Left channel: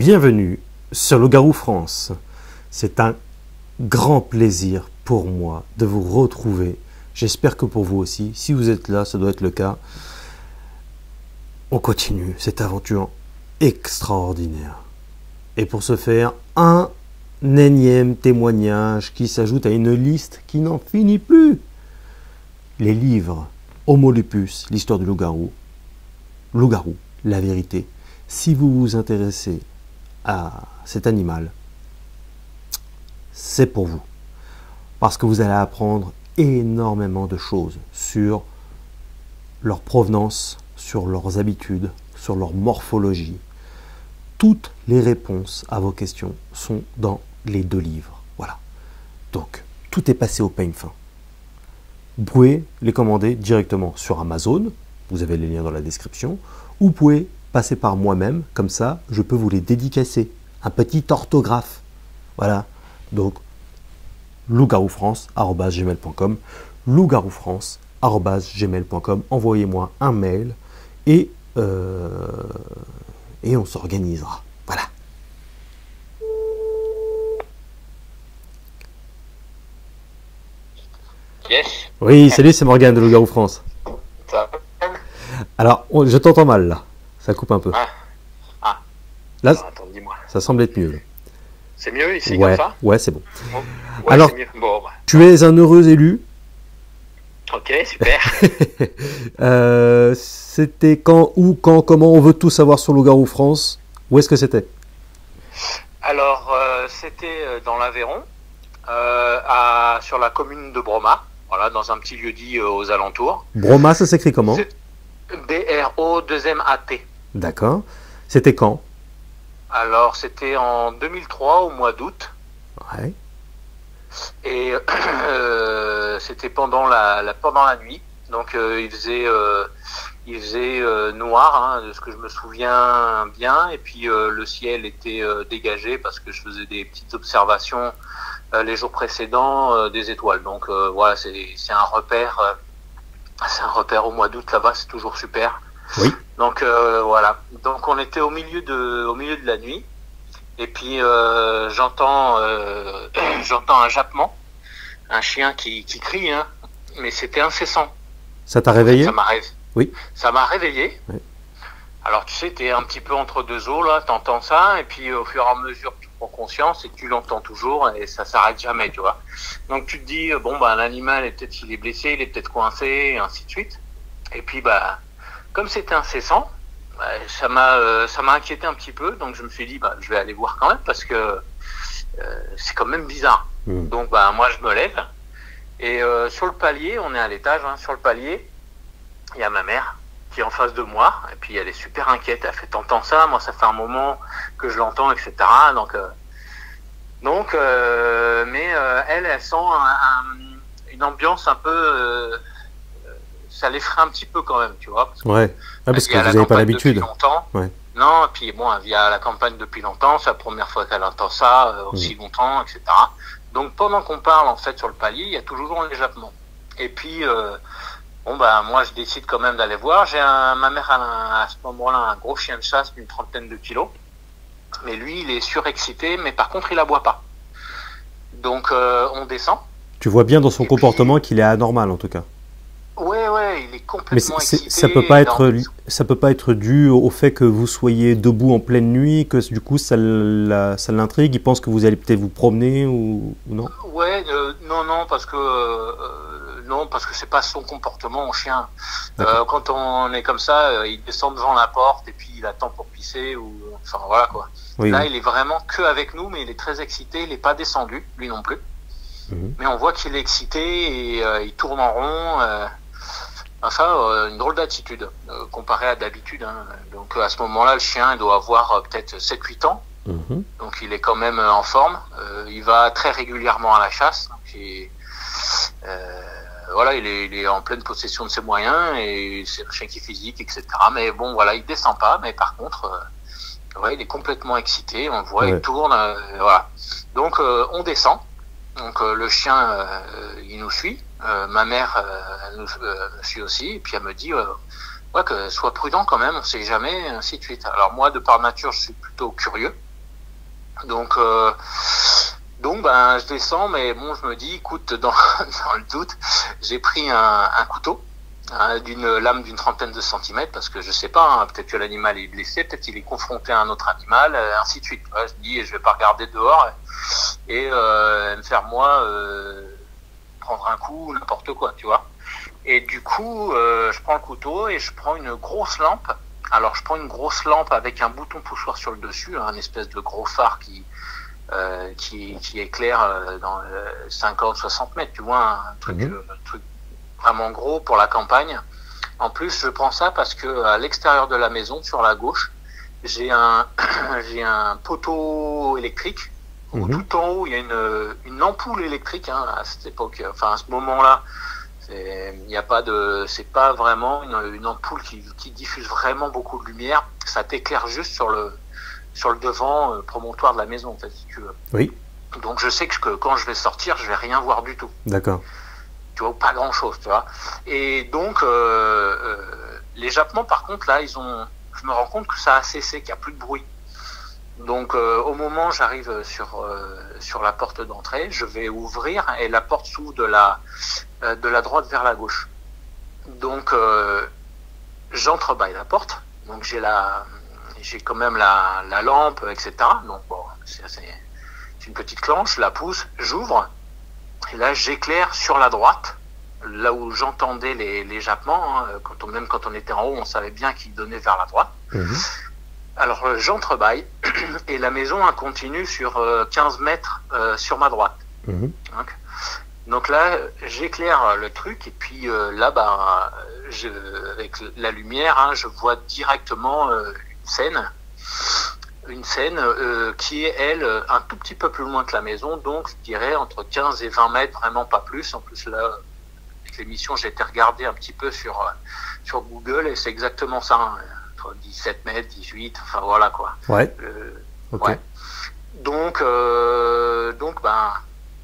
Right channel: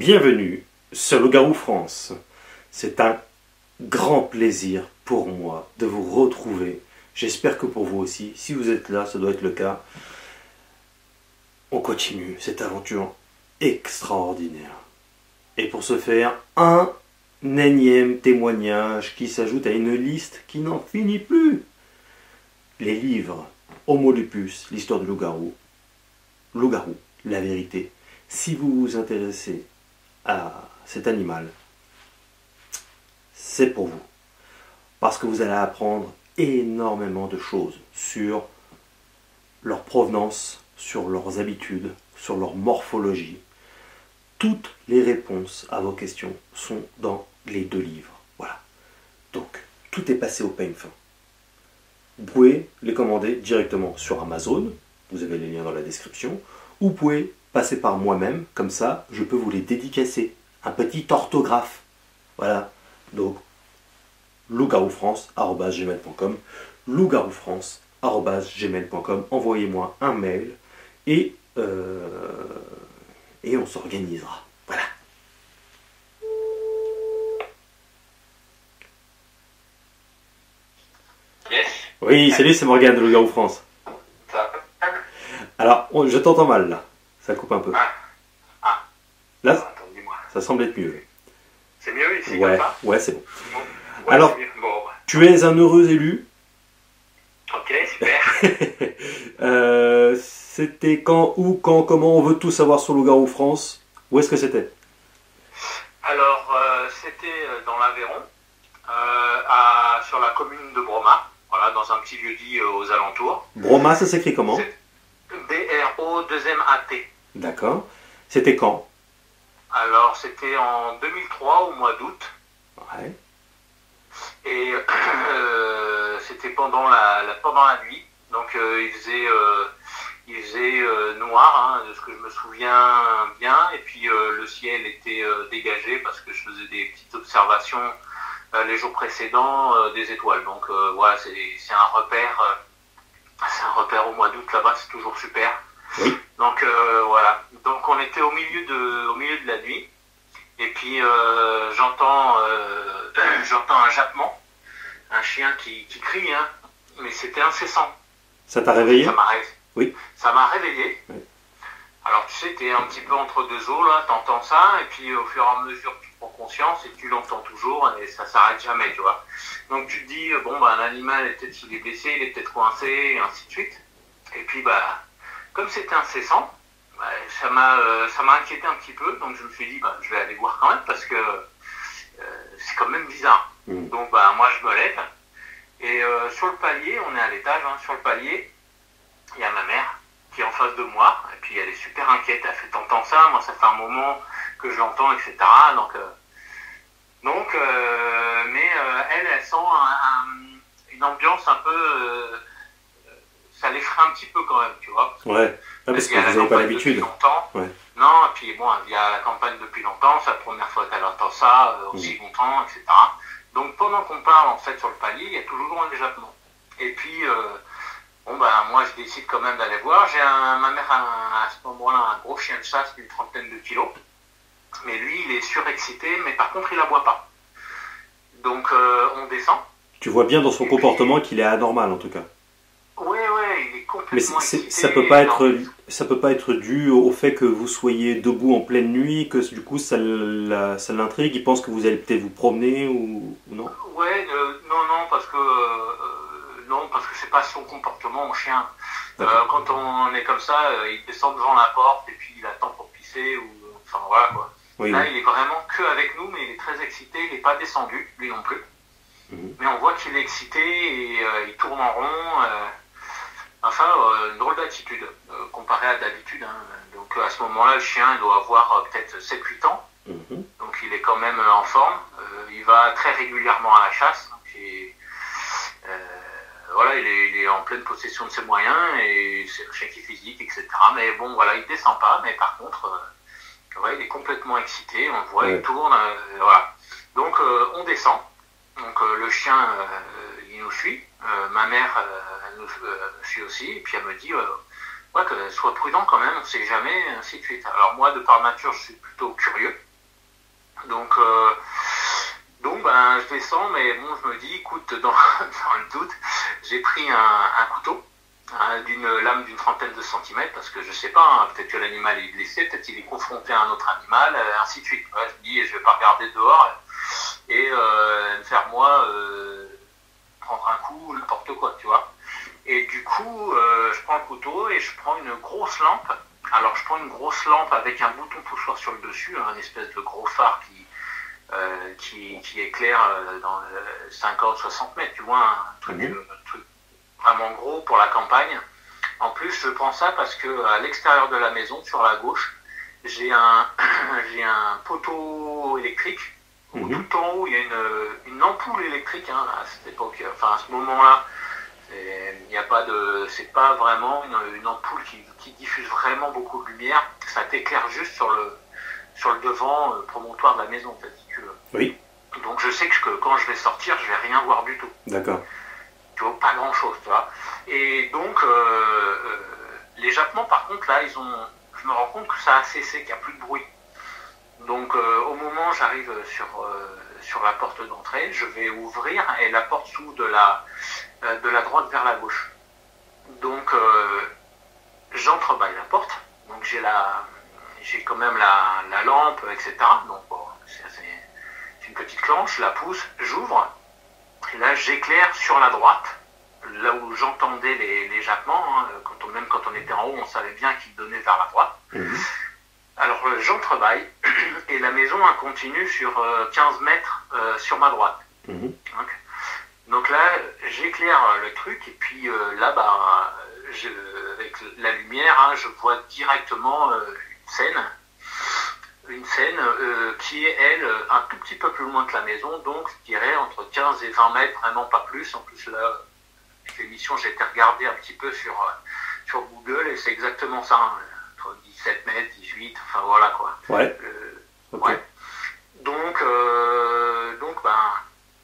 Bienvenue sur Loup-Garou France. C'est un grand plaisir pour moi de vous retrouver. J'espère que pour vous aussi. Si vous êtes là, ça doit être le cas. On continue cette aventure extraordinaire. Et pour ce faire, un énième témoignage qui s'ajoute à une liste qui n'en finit plus. Les livres Homo lupus, l'histoire du loup-garou. Loup-garou, la vérité. Si vous vous intéressez à cet animal, c'est pour vous. Parce que vous allez apprendre énormément de choses sur leur provenance, sur leurs habitudes, sur leur morphologie. Toutes les réponses à vos questions sont dans les deux livres. Voilà. Donc, tout est passé au peigne fin. Vous pouvez les commander directement sur Amazon. Vous avez les liens dans la description. Ou vous pouvez passer par moi-même. Comme ça, je peux vous les dédicacer. Un petit orthographe. Voilà. Donc, lougaroufrance@gmail.com, lougaroufrance@gmail.com. Envoyez-moi un mail et on s'organisera. Voilà. Yes. Oui, salut, c'est Morgane de Loup-Garou France. Ça va? Alors, je t'entends mal là. Ça coupe un peu. Ah. Là, Attends, dis-moi. ça semble être mieux. C'est mieux ici Ouais, comme ça? ouais, c'est bon. Ouais, Alors, c'est mieux. Bon, tu es un heureux élu. ok, super. C'était quand, où, quand, comment? On veut tout savoir sur Loup-Garou France. Où est-ce que c'était? Alors, c'était dans l'Aveyron, sur la commune de Broma, voilà, dans un petit lieu-dit aux alentours. Broma, ça s'écrit comment? B-R-O-2-M-A-T. D'accord. C'était quand? Alors, c'était en 2003, au mois d'août. Ouais. Et c'était pendant la nuit. Donc il faisait noir, hein, de ce que je me souviens bien. Et puis le ciel était dégagé parce que je faisais des petites observations les jours précédents des étoiles. Donc voilà, c'est un repère. C'est un repère au mois d'août là-bas, c'est toujours super. Oui. Donc voilà. Donc on était au milieu de la nuit. Et puis j'entends un jappement, un chien qui crie, hein, mais c'était incessant. Ça t'a réveillé? Oui. Ça m'a réveillé. Oui. Alors tu sais, t'es un petit peu entre deux eaux là, t'entends ça, et puis au fur et à mesure tu prends conscience et tu l'entends toujours et ça s'arrête jamais, tu vois. Donc tu te dis bon bah l'animal peut-être qu'il est blessé, il est peut-être coincé, et ainsi de suite. Et puis bah comme c'était incessant, ça m'a inquiété un petit peu, donc je me suis dit je vais aller voir quand même parce que c'est quand même bizarre. Donc moi je me lève et sur le palier, on est à l'étage, hein, sur le palier, il y a ma mère qui est en face de moi et puis elle est super inquiète. Elle fait t'entends ça? Moi ça fait un moment que je l'entends, etc. Mais elle sent une ambiance un peu ça l'effraie un petit peu quand même, tu vois. Parce que vous n'avez pas l'habitude. Ouais. Non, et puis bon, elle vit à la campagne depuis longtemps, c'est la première fois qu'elle entend ça aussi longtemps, etc. Donc pendant qu'on parle en fait sur le palier, il y a toujours un éjappement. Et puis moi je décide quand même d'aller voir. Ma mère a à ce moment-là un gros chien de chasse d'une 30aine de kilos, mais lui il est surexcité, mais par contre il aboie pas. Donc on descend. Tu vois bien dans son comportement qu'il est anormal en tout cas. Ouais, il est complètement excité. Ça peut pas être dû au fait que vous soyez debout en pleine nuit, que du coup ça l'intrigue, il pense que vous allez peut-être vous promener ou non? Ouais, non, parce que c'est pas son comportement en chien. Quand on est comme ça, il descend devant la porte et puis il attend pour pisser enfin voilà quoi. Oui, Là, il est vraiment que avec nous, mais il est très excité, il n'est pas descendu, lui non plus. Mais on voit qu'il est excité et il tourne en rond. Une drôle d'attitude comparé à d'habitude. Hein. Donc à ce moment-là, le chien il doit avoir peut-être 7-8 ans. Donc il est quand même en forme. Il va très régulièrement à la chasse. Donc, il est en pleine possession de ses moyens et c'est le chien qui est physique, etc. Mais bon, voilà, il descend pas. Mais par contre, il est complètement excité. On le voit, il tourne. Voilà. Donc on descend. Donc le chien, il nous suit. Ma mère nous suit aussi. Et puis elle me dit que sois prudent quand même, on sait jamais, ainsi de suite. Alors moi, de par nature, je suis plutôt curieux. Donc, ben, je descends, mais bon, je me dis, écoute, dans le doute, j'ai pris un couteau, hein, d'une lame d'une trentaine de centimètres, parce que je sais pas, hein, peut-être que l'animal est blessé, peut-être qu'il est confronté à un autre animal, ainsi de suite. Ouais, je me dis, je vais pas regarder dehors et me faire moi prendre un coup, n'importe quoi, tu vois. Et du coup, je prends le couteau et je prends une grosse lampe. Alors, je prends une grosse lampe avec un bouton poussoir sur le dessus, un espèce de gros phare qui éclaire dans 50-60 mètres, tu vois, un truc vraiment gros pour la campagne. En plus, je prends ça parce que à l'extérieur de la maison, sur la gauche, j'ai un poteau électrique. Tout en haut, il y a une ampoule électrique, hein, à cette époque, enfin à ce moment-là. Il n'y a pas de, c'est pas vraiment une ampoule qui diffuse vraiment beaucoup de lumière. Ça t'éclaire juste sur le devant promontoire de la maison, en fait, si tu veux. Oui. Donc je sais que quand je vais sortir, je vais rien voir du tout. D'accord. Tu vois, pas grand-chose, tu vois. Et donc les jappements, par contre, là, je me rends compte que ça a cessé, qu'il n'y a plus de bruit. Donc au moment où j'arrive sur la porte d'entrée, je vais ouvrir et la porte s'ouvre de la droite vers la gauche. Donc j'entrebâille la porte. Donc j'ai quand même la lampe, etc. Donc bon, c'est une petite clenche, je la pousse, j'ouvre et là j'éclaire sur la droite, là où j'entendais les jappements. Hein, même quand on était en haut, on savait bien qu'ils donnaient vers la droite. Alors j'entrebâille et la maison continue sur 15 mètres sur ma droite. Donc là, j'éclaire le truc et puis là, bah, avec la lumière, hein, je vois directement une scène qui est, elle, un tout petit peu plus loin que la maison, donc je dirais entre 15 et 20 mètres, vraiment pas plus. En plus, là, avec l'émission, j'ai été regarder un petit peu sur Google et c'est exactement ça. Hein. 17 mètres, 18, enfin voilà quoi. Ouais. Okay. Ouais. Donc ben,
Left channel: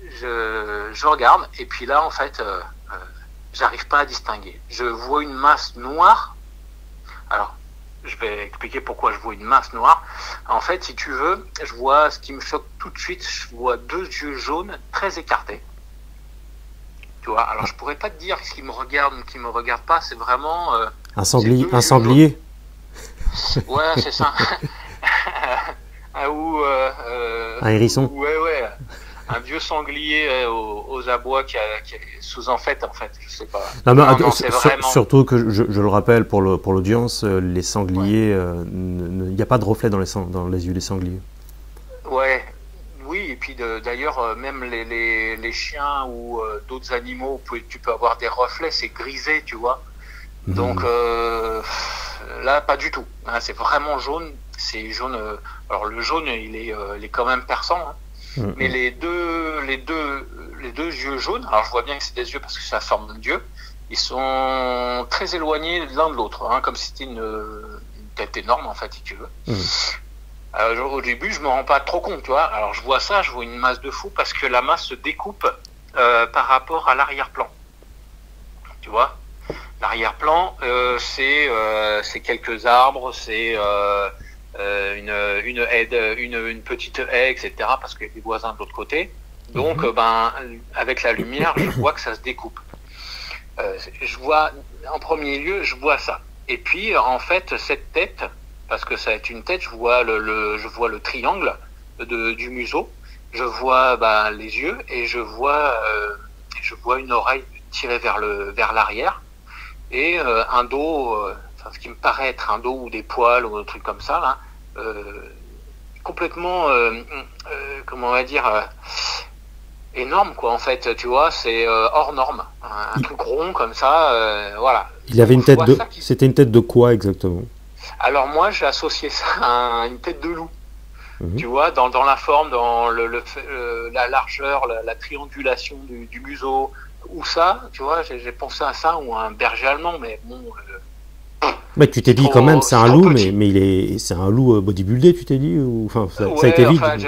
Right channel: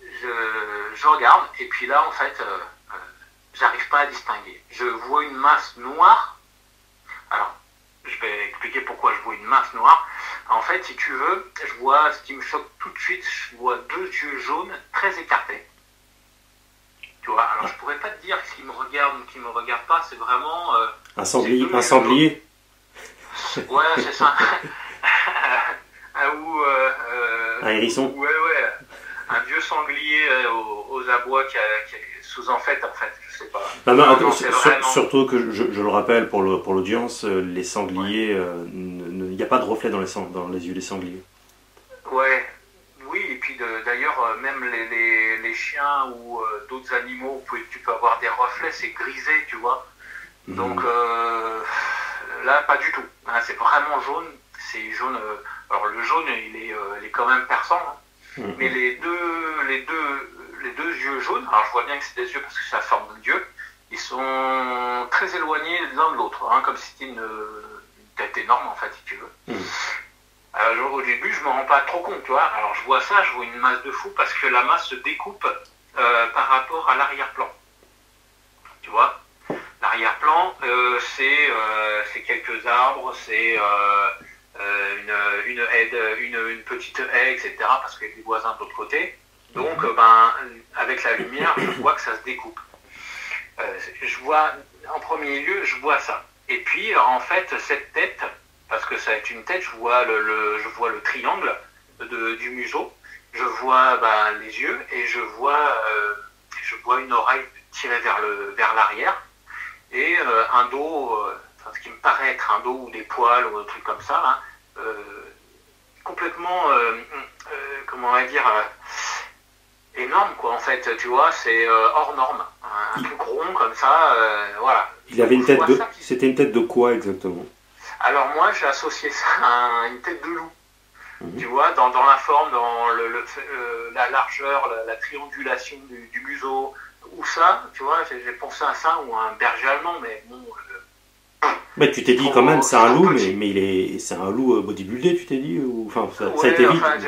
je regarde et puis là en fait, j'arrive pas à distinguer. Je vois une masse noire. Alors, je vais expliquer pourquoi je vois une masse noire. En fait, si tu veux, je vois ce qui me choque tout de suite. Je vois deux yeux jaunes très écartés. Tu vois. Alors, je pourrais pas te dire ce qui me regarde ou qui me regarde pas. C'est vraiment un sanglier. Ouais, c'est ça. Ou un hérisson. Ouais. Un vieux sanglier aux abois qui sous en fait, je sais pas. Surtout que je le rappelle pour l'audience, les sangliers, il n'y a pas de reflet dans les yeux des sangliers. Ouais, oui, et puis d'ailleurs, même les chiens ou d'autres animaux, tu peux avoir des reflets, c'est grisé, tu vois. Donc là, pas du tout. Hein, c'est vraiment jaune. C'est jaune. Alors le jaune, il est quand même perçant. Hein. Mais les deux yeux jaunes. Alors je vois bien que c'est des yeux parce que c'est la forme d'yeux. Ils sont très éloignés l'un de l'autre, hein, comme si c'était une tête énorme en fait, si tu veux. Alors, au début, je me rends pas trop compte, tu vois. Alors je vois ça, je vois une masse de fou parce que la masse se découpe par rapport à l'arrière-plan. Tu vois. L'arrière-plan, c'est quelques arbres, c'est une petite haie, etc. Parce qu'il y a des voisins de l'autre côté. Donc, ben, avec la lumière, je vois que ça se découpe. Je vois, en premier lieu, je vois ça. Et puis, en fait, cette tête, parce que ça va être une tête, je vois le triangle du museau, je vois les yeux et je vois une oreille tirée vers l'arrière. Et un dos, ce qui me paraît être un dos ou des poils ou un truc comme ça, là, complètement, comment on va dire, énorme quoi. En fait, tu vois, c'est hors norme, un truc rond comme ça, voilà. Il avait une tête de, c'était une tête de quoi exactement? Alors moi, j'ai associé ça à une tête de loup. Tu vois, dans la forme, dans la largeur, la triangulation du museau. Ou ça, tu vois, j'ai pensé à ça, ou à un berger allemand, mais bon... mais tu t'es dit quand même, c'est un loup, mais c'est un loup bodybuildé, tu t'es dit ou... Enfin, ça a été vite. Enfin, je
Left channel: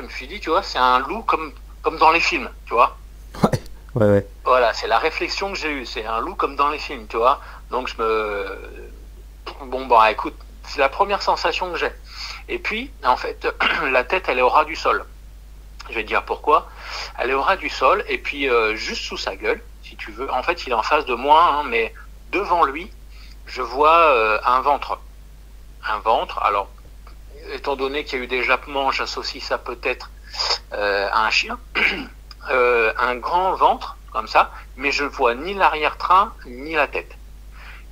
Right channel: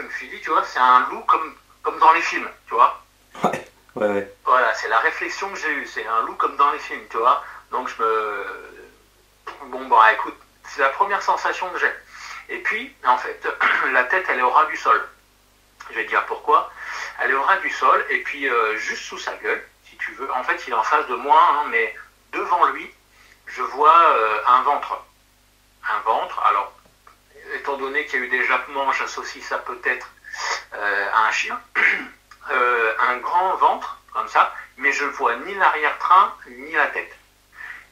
me suis dit, tu vois, c'est un loup comme dans les films, tu vois. Ouais. Voilà, c'est la réflexion que j'ai eue, c'est un loup comme dans les films, tu vois. Donc Bon, écoute, c'est la première sensation que j'ai. Et puis, en fait, la tête, elle est au ras du sol. Je vais te dire pourquoi. Elle est au ras du sol, et puis juste sous sa gueule, si tu veux. En fait, il est en face de moi, hein, mais devant lui, je vois un ventre. Un ventre, alors, étant donné qu'il y a eu des jappements, j'associe ça peut-être à un chien. Un grand ventre, comme ça, mais je vois ni l'arrière-train, ni la tête.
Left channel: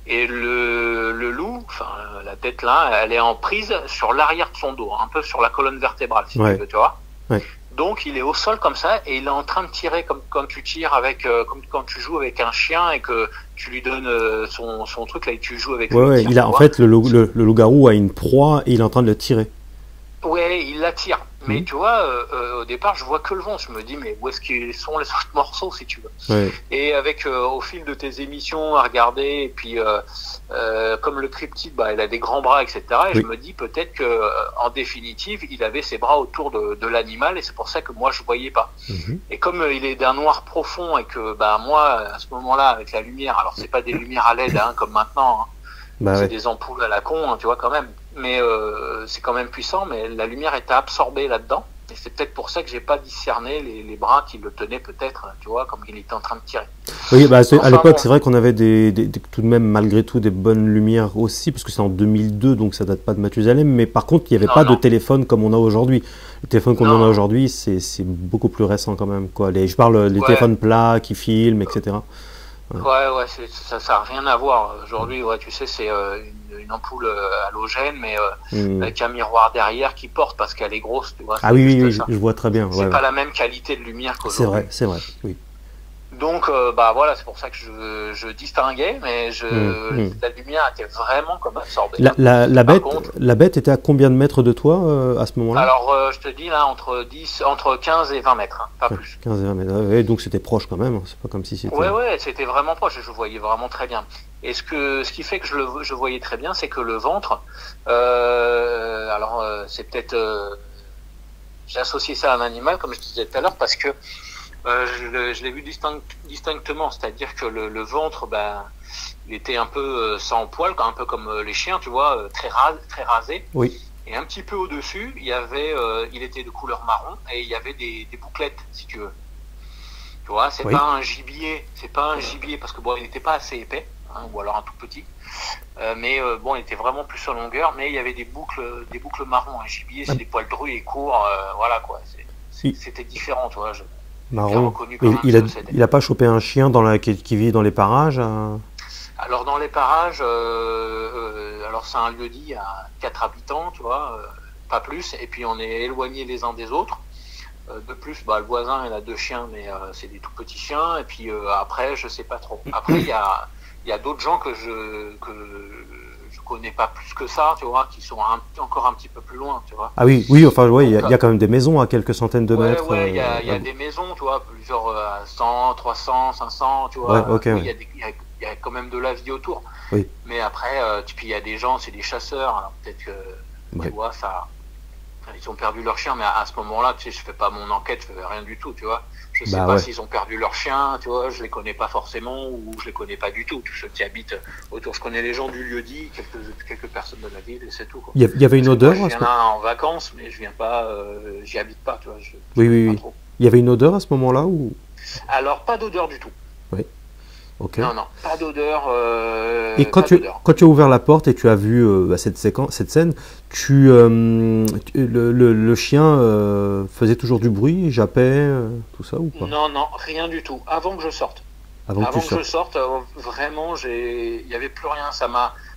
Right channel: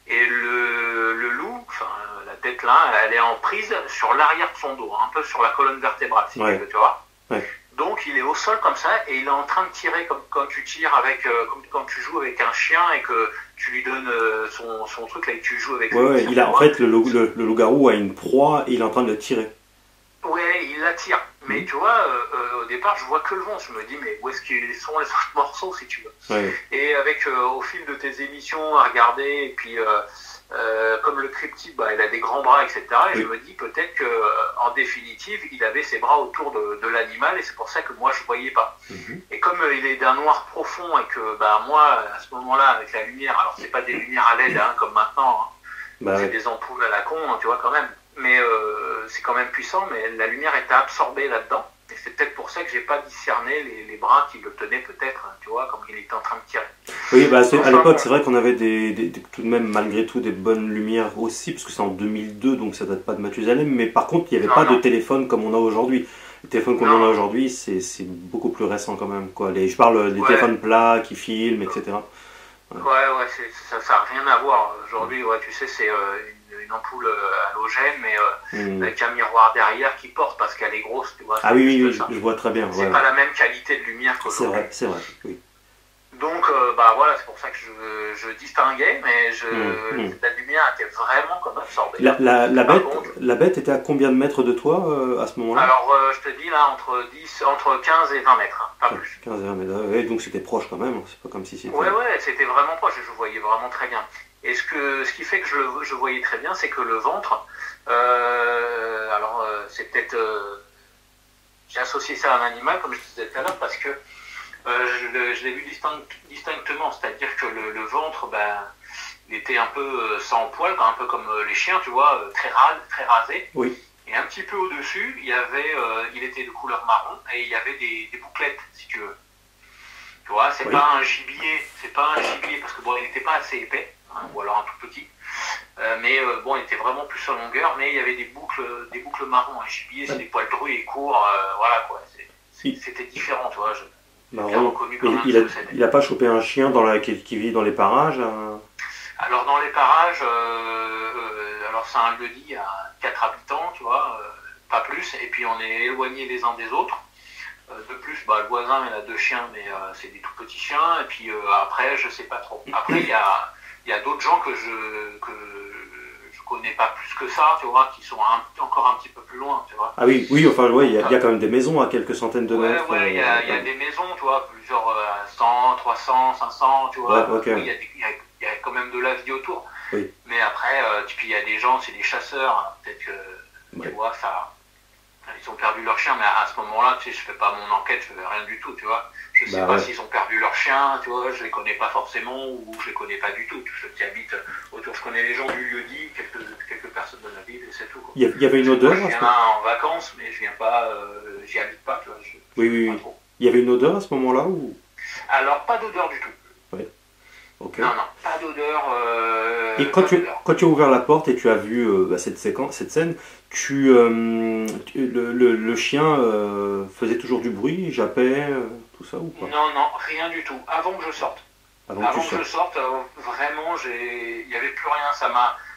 Et le loup, enfin, la tête là, elle est en prise sur l'arrière de son dos, un peu sur la colonne vertébrale, si tu veux, tu vois. Ouais. Donc il est au sol comme ça et il est en train de tirer comme quand tu tires avec, comme quand tu joues avec un chien et que tu lui donnes son truc là et que tu joues avec lui. Ouais, il a, en fait, le loup-garou a une proie et il est en train de le tirer. Ouais, il la tire. Mais tu vois, au départ, je vois que le ventre. Je me dis, mais où est-ce qu'ils sont les autres morceaux, si tu veux. Ouais. Et avec, au fil de tes émissions à regarder, et puis comme le cryptide, bah, il a des grands bras, etc. Et je me dis peut-être que, en définitive, il avait ses bras autour de l'animal, et c'est pour ça que moi, je voyais pas. Et comme il est d'un noir profond, et que bah, moi, à ce moment-là, avec la lumière, alors c'est pas des lumières à LED hein, comme maintenant, hein, bah, c'est des ampoules à la con, hein, tu vois, quand même. Mais c'est quand même puissant, mais la lumière était absorbée là-dedans. Et c'est peut-être pour ça que j'ai pas discerné les bras qui le tenaient peut-être, tu vois, comme il était en train de tirer. Oui, bah, à l'époque, c'est vrai qu'on avait tout de même, malgré tout, des bonnes lumières aussi, parce que c'est en 2002, donc ça date pas de Mathusalem, mais par contre, il n'y avait pas de téléphone comme on a aujourd'hui. Le téléphone qu'on a aujourd'hui, c'est beaucoup plus récent quand même, quoi. Je parle des téléphones plats qui filment, etc. Ouais, ça n'a rien à voir. Aujourd'hui, ouais, tu sais, c'est une ampoule halogène, mais avec un miroir derrière qui porte parce qu'elle est grosse, tu vois. Ah oui, je vois très bien. C'est pas la même qualité de lumière qu'aujourd'hui. C'est vrai, oui. Donc, bah voilà, c'est pour ça que je distinguais, mais la lumière était vraiment comme absorbée. La bête était à combien de mètres de toi à ce moment-là? Alors, je te dis là, entre 15 et 20 mètres, hein, pas plus. 15 et 20 mètres, ouais, donc c'était proche quand même, c'est pas comme si c'était... Ouais, c'était vraiment proche, je voyais vraiment très bien. Et ce qui fait que je voyais très bien, c'est que le ventre, c'est peut-être... j'ai associé ça à un animal, comme je te disais tout à l'heure, parce que je l'ai vu distinctement, c'est-à-dire que le ventre, ben, il était un peu sans poil, un peu comme les chiens, tu vois, très rasé. Oui. Et un petit peu au-dessus, il était de couleur marron et il y avait des bouclettes, si tu veux. Tu vois, c'est pas un gibier parce que bon, il n'était pas assez épais, hein, ou alors un tout petit. Mais bon, il était vraiment plus en longueur, mais il y avait des boucles marron. Un gibier, c'est des poils drus et courts, voilà quoi. C'était différent, tu vois. Marron. Il a pas chopé un chien qui vit dans les parages Alors dans les parages, alors c'est un lieu-dit à 4 habitants, tu vois, pas plus, et puis on est éloignés les uns des autres. De plus, bah, le voisin il a 2 chiens, mais c'est des tout petits chiens, et puis après, je sais pas trop. Après, il y a d'autres gens que je connais pas plus que ça, tu vois, qui sont encore un petit peu plus loin, tu vois. Ah oui, enfin, ouais, il y a quand même des maisons à quelques centaines de mètres. Ouais, il y a des maisons, tu vois, plusieurs 100, 300, 500, tu vois. Ouais, okay. Oui, il y a quand même de la vie autour. Oui. Mais après, puis il y a des gens, c'est des chasseurs, hein, peut-être que, tu vois, ils ont perdu leur chien, mais à ce moment-là, tu sais, je fais pas mon enquête, je fais rien du tout, tu vois. Je sais pas s'ils ont perdu leur chien, tu vois, je les connais pas forcément, ou je les connais pas du tout. Tous ceux qui habitent autour, je connais les gens du lieu-dit, quelques personnes de la ville, et c'est tout, quoi. Il y avait une odeur? Je viens là en vacances, mais je viens pas, j'y habite pas, tu vois. Oui. Il y avait une odeur à ce moment-là ou... Alors, pas d'odeur du tout. Oui. Ok. Non, pas d'odeur. Et quand tu as ouvert la porte et tu as vu cette scène, le chien faisait toujours du bruit, jappait, tout ça ou pas? Non, rien du tout. Avant que je sorte. Avant que je sorte, vraiment, il n'y avait plus rien.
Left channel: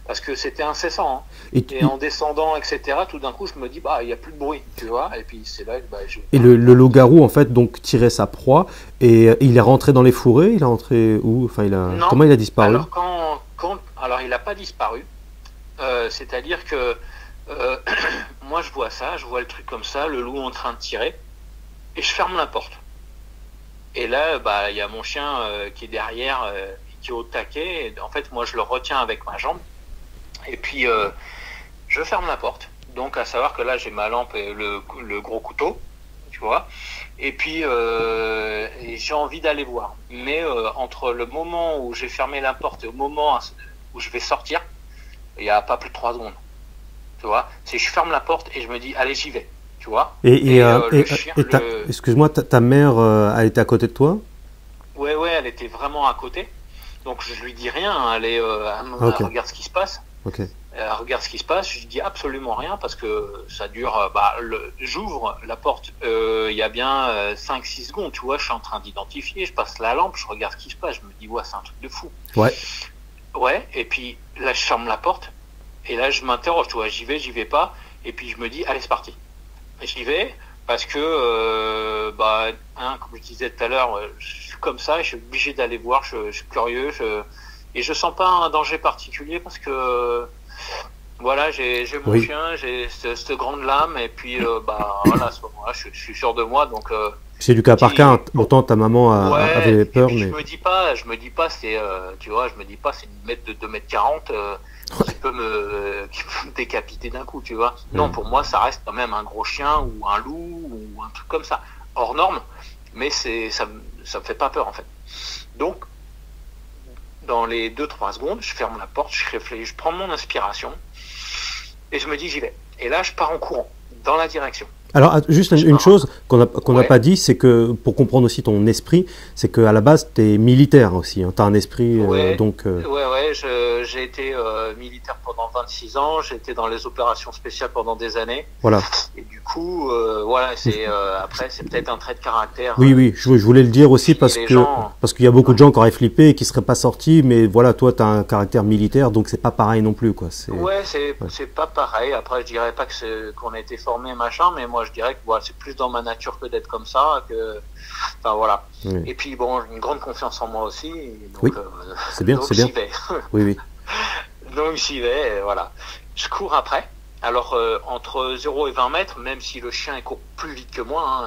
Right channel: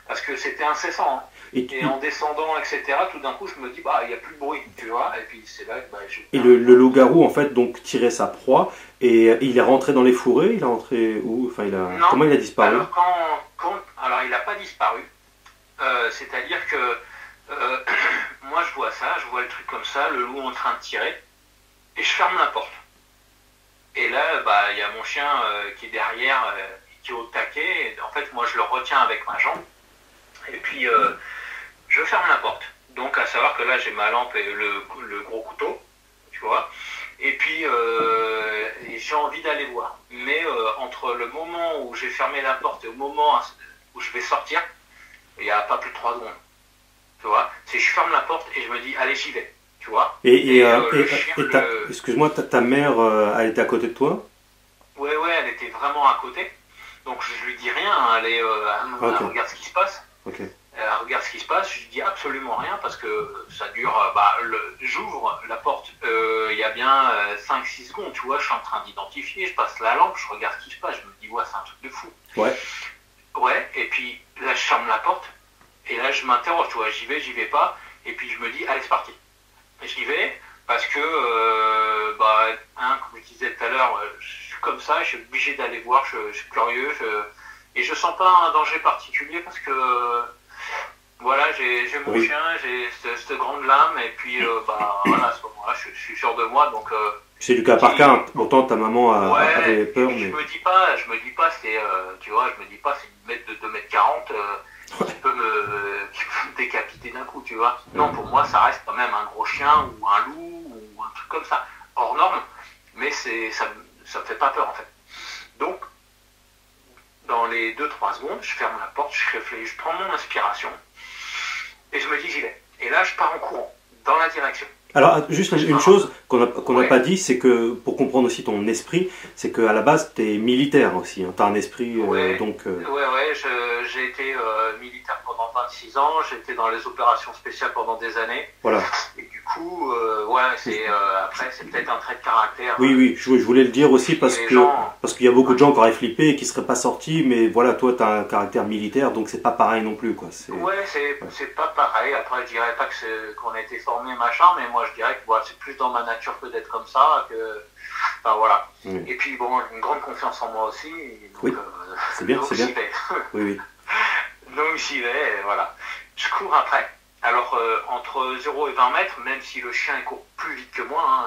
Parce que c'était incessant. Hein. Et en descendant, etc., tout d'un coup, je me dis, bah, il n'y a plus de bruit, tu vois. Et puis c'est là que Et le loup-garou, en fait, donc tirait sa proie et il est rentré dans les fourrés. Il est rentré où? Enfin, comment il a disparu? Alors, il n'a pas disparu. C'est-à-dire que moi, je vois le truc comme ça, le loup en train de tirer, et je ferme la porte. Et là, bah, il y a mon chien qui est derrière, qui est au taquet. Et en fait, moi, je le retiens avec ma jambe. Et puis, je ferme la porte. Donc, à savoir que là, j'ai ma lampe et le gros couteau, tu vois. Et puis, j'ai envie d'aller voir. Mais entre le moment où j'ai fermé la porte et au moment où je vais sortir, il n'y a pas plus de 3 secondes. tu vois. C'est je ferme la porte et je me dis, allez, j'y vais, tu vois. Excuse-moi, ta mère, elle était à côté de toi? Ouais, ouais, elle était vraiment à côté. Donc je lui dis rien, hein, elle regarde ce qui se passe. Ok. Elle regarde ce qui se passe, je lui dis absolument rien parce que ça dure. J'ouvre la porte, il y a bien 5-6 secondes, tu vois, je suis en train d'identifier, je passe la lampe, je regarde ce qui se passe, je me dis, ouais, c'est un truc de fou. Ouais. Ouais, et puis là, je ferme la porte, et là, je m'interroge, tu vois, j'y vais pas, et puis je me dis, allez, c'est parti. Et j'y vais parce que, comme je disais tout à l'heure, je suis comme ça, je suis obligé d'aller voir, je suis curieux, et je sens pas un danger particulier parce que. Voilà, j'ai mon chien, j'ai cette grande lame, et puis voilà, à ce moment-là, je suis sûr de moi, donc. C'est du cas par cas, hein. Pourtant ta maman avait peur, mais. Je me dis pas, c'est, tu vois, je me dis pas, c'est une mètre de 2,40 m qui peut me décapiter d'un coup, tu vois. Non, pour moi, ça reste quand même un gros chien ou un loup ou un truc comme ça, hors norme, mais ça me fait pas peur en fait. Donc, dans les 2-3 secondes, je ferme la porte, je réfléchis, je prends mon inspiration. Et je me dis, j'y vais. Et là, je pars en courant, dans la direction. Alors, juste une chose qu'on n'a pas dit, c'est que, pour comprendre aussi ton esprit, c'est qu'à la base, tu es militaire aussi. Hein. Tu as un esprit, donc... Ouais, j'ai été militaire pendant 26 ans, j'ai été dans les opérations spéciales pendant des années. Voilà. Et du coup, voilà, après, c'est peut-être un trait de caractère. Oui, je voulais le dire aussi parce qu'il y a beaucoup de gens qui auraient flippé et qui ne seraient pas sortis, mais voilà, toi, tu as un caractère militaire, donc c'est pas pareil non plus, quoi. Ouais, c'est pas pareil. Après, je dirais pas qu'on a été formé, machin, mais moi, je dirais que voilà, c'est plus dans ma nature que d'être comme ça, enfin, voilà. Oui. Et puis, bon, une grande confiance en moi aussi. Donc, oui, c'est bien, c'est bien. Oui. Donc, j'y vais, et voilà. Je cours après. Alors, entre 0 et 20 mètres, même si le chien il court plus vite que moi,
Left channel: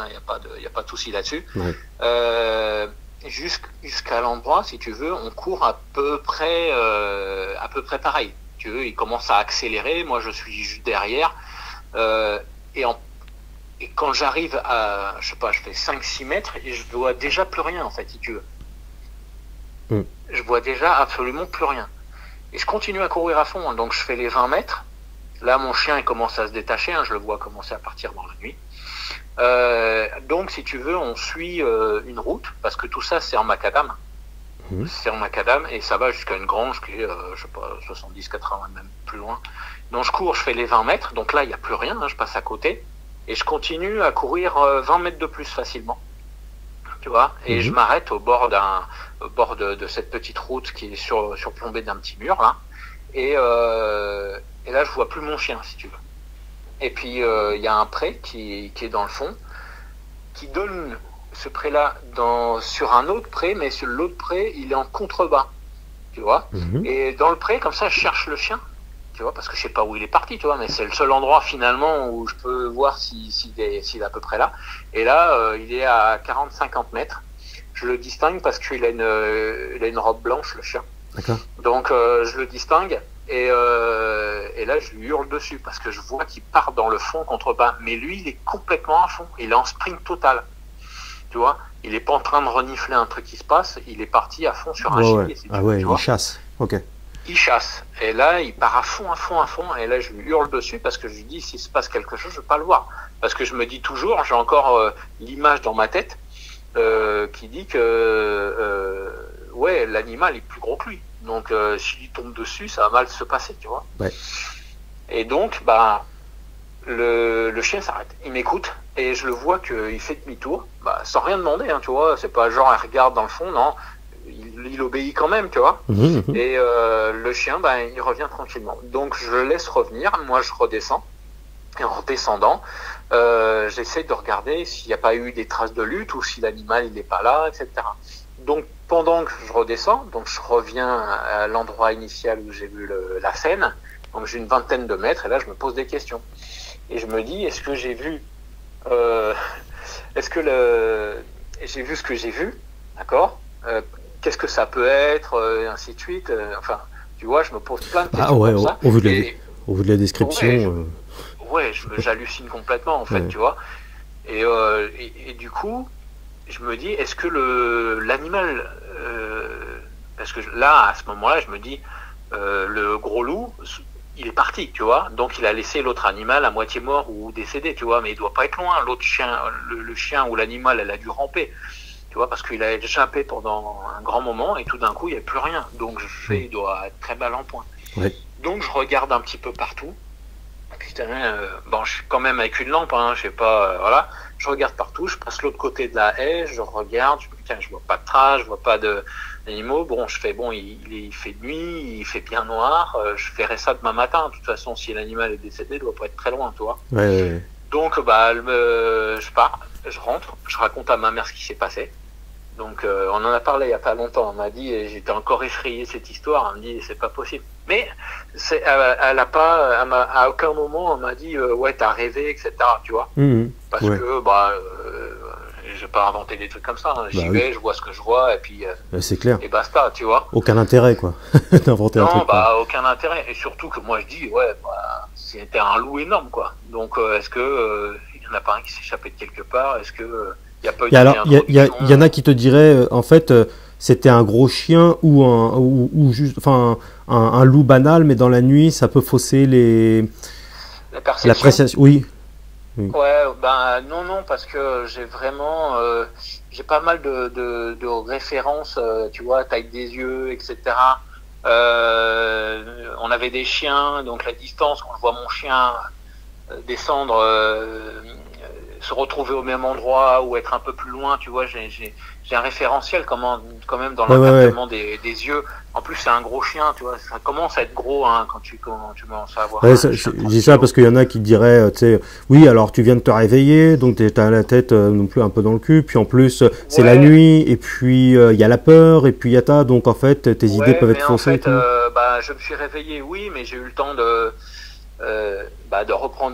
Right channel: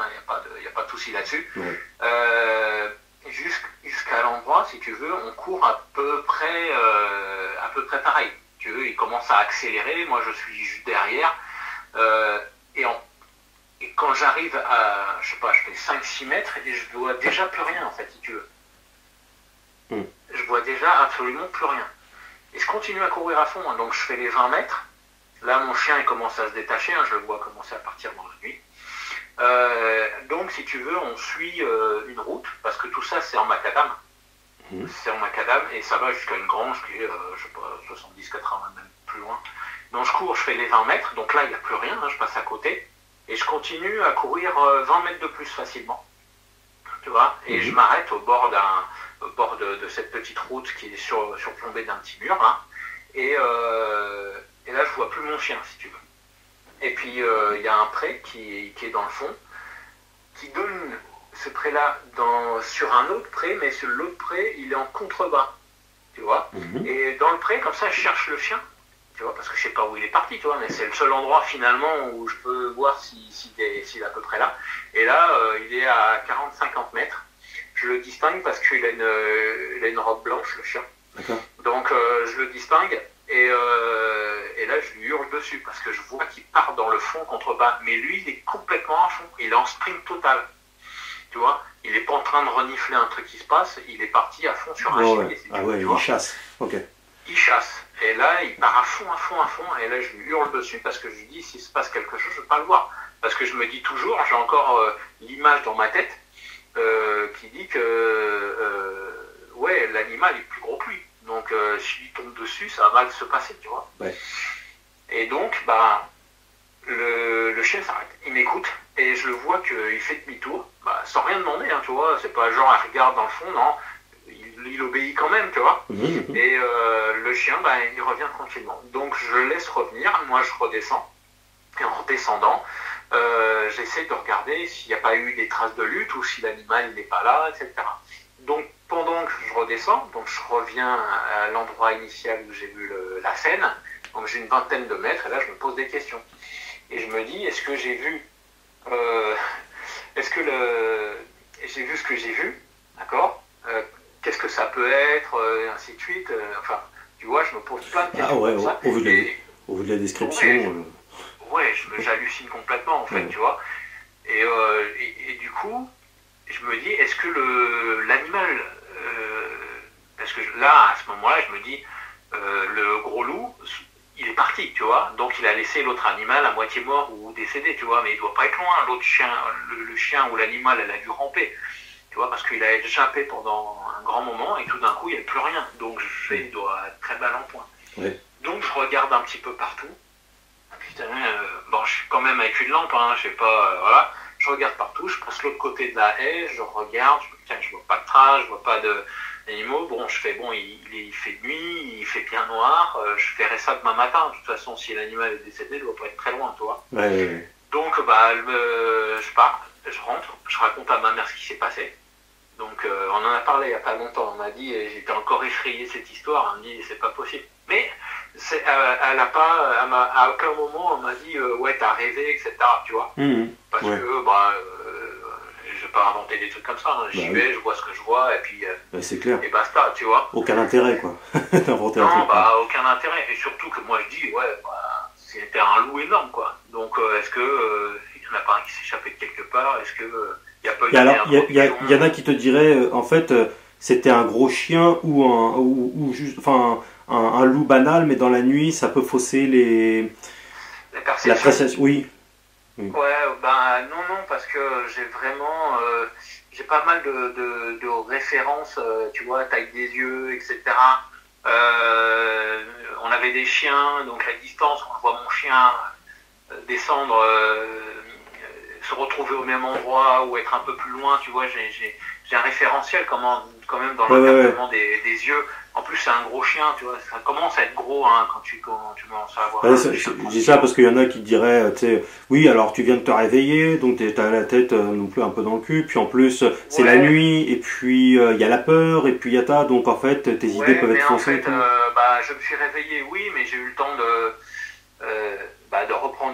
il n'y a pas de souci là-dessus, jusqu'à l'endroit, si tu veux, on court à peu près pareil. Tu veux, il commence à accélérer, moi je suis juste derrière, et quand j'arrive à, je sais pas, je fais 5-6 mètres, et je vois déjà plus rien, en fait, si tu veux. Je vois déjà absolument plus rien. Et je continue à courir à fond, hein, donc je fais les 20 mètres. Là, mon chien il commence à se détacher, hein, je le vois commencer à partir dans la nuit. Donc, si tu veux, on suit une route, parce que tout ça, c'est en macadam. C'est en macadam, et ça va jusqu'à une grange qui est, je sais pas, 70-80, même plus loin. Donc, je cours, je fais les 20 mètres, donc là, il n'y a plus rien, hein, je passe à côté, et je continue à courir 20 mètres de plus facilement. Tu vois, et je m'arrête au bord de cette petite route qui est surplombée d'un petit mur, hein, et là, je vois plus mon chien, si tu veux. Et puis, il y a un pré qui est dans le fond, qui donne ce pré-là sur un autre pré, mais sur l'autre pré, il est en contrebas, tu vois. Et dans le pré, comme ça, je cherche le chien, tu vois, parce que je sais pas où il est parti, tu vois, mais c'est le seul endroit, finalement, où je peux voir s'il est à peu près là. Et là, il est à 40-50 mètres. Je le distingue parce qu'il a une robe blanche, le chien. Donc, je le distingue. Et là, je lui hurle dessus parce que je vois qu'il part dans le fond contrebas. Mais lui, il est complètement à fond. Il est en sprint total. Tu vois, il n'est pas en train de renifler un truc qui se passe. Il est parti à fond sur un gibier. Il chasse. Ok. Il chasse. Et là, il part à fond. Et là, je lui hurle dessus parce que je lui dis, s'il se passe quelque chose, je ne veux pas le voir. Parce que je me dis toujours, j'ai encore l'image dans ma tête qui dit que l'animal est plus gros que lui. Donc, s'il lui tombe dessus, ça va mal se passer, tu vois. Ouais. Et donc, le chien s'arrête. Il m'écoute et je le vois qu'il fait demi-tour, sans rien demander, hein, tu vois. C'est pas genre, il regarde dans le fond, non. Il obéit quand même, tu vois. Et le chien, il revient tranquillement. Donc, je le laisse revenir. Moi, je redescends. Et en redescendant, j'essaie de regarder s'il n'y a pas eu des traces de lutte ou si l'animal n'est pas là, etc. Donc, pendant que je redescends, donc je reviens à l'endroit initial où j'ai vu la scène, donc j'ai une vingtaine de mètres, et là je me pose des questions. Et je me dis, est-ce que j'ai vu j'ai vu ce que j'ai vu, d'accord, qu'est-ce que ça peut être, et ainsi de suite, enfin, tu vois, je me pose plein de questions comme ça. Au vu de la description... j'hallucine complètement, en fait, tu vois. Et du coup, je me dis, est-ce que l'animal, parce que là, à ce moment-là, je me dis, le gros loup, il est parti, tu vois. Donc il a laissé l'autre animal à moitié mort ou décédé, tu vois. Mais il doit pas être loin. L'autre chien, le chien ou l'animal, elle a dû ramper, tu vois, parce qu'il a échappé pendant un grand moment et tout d'un coup il n'y a plus rien. Donc je fais, il doit être très mal en point. Ouais. Donc je regarde un petit peu partout. Putain, bon, je suis quand même avec une lampe, hein, je sais pas, voilà. Je regarde partout, je passe l'autre côté de la haie, je regarde, je vois pas de traces, je vois pas d'animaux. Bon, je fais, bon, il fait nuit, il fait bien noir, je verrai ça demain matin. De toute façon, si l'animal est décédé, il doit pas être très loin, tu vois. Ouais. Donc, bah, je pars, je rentre, je raconte à ma mère ce qui s'est passé. Donc, on en a parlé il y a pas longtemps. On m'a dit, et j'étais encore effrayé de cette histoire. Elle me dit, c'est pas possible. Mais elle a pas, à aucun moment, elle m'a dit, ouais, t'as rêvé, etc. Tu vois. Parce que, bah, je vais pas inventer des trucs comme ça. Hein. J'y vais, je vois ce que je vois, et puis. C'est clair. Et basta, tu vois. Aucun intérêt, quoi, d'inventer un truc. Non, bah, aucun intérêt. Et surtout que moi, je dis, ouais, bah, c'était un loup énorme, quoi. Donc, est-ce que il y en a pas un qui s'est échappé de quelque part? Est-ce que il y a pas eu et alors, il y en a qui te diraient, en fait, c'était un gros chien ou juste, enfin, un loup banal, mais dans la nuit, ça peut fausser la perception. La perception. Oui. Ouais, ben non, parce que j'ai vraiment, j'ai pas mal de références, tu vois, taille des yeux, etc. On avait des chiens, donc la distance, quand je vois mon chien descendre, se retrouver au même endroit ou être un peu plus loin, tu vois, j'ai un référentiel quand même dans l'encadrement des yeux. En plus, c'est un gros chien, tu vois, ça commence à être gros hein, quand tu commences à avoir. Ouais, je dis ça parce qu'il y en a qui te diraient, tu sais, oui, alors tu viens de te réveiller, donc t'as la tête non plus un peu dans le cul, puis en plus c'est la nuit, et puis il y a la peur, et puis il y a donc en fait tes idées peuvent être faussées. En fait, bah, je me suis réveillé, oui, mais j'ai eu le temps de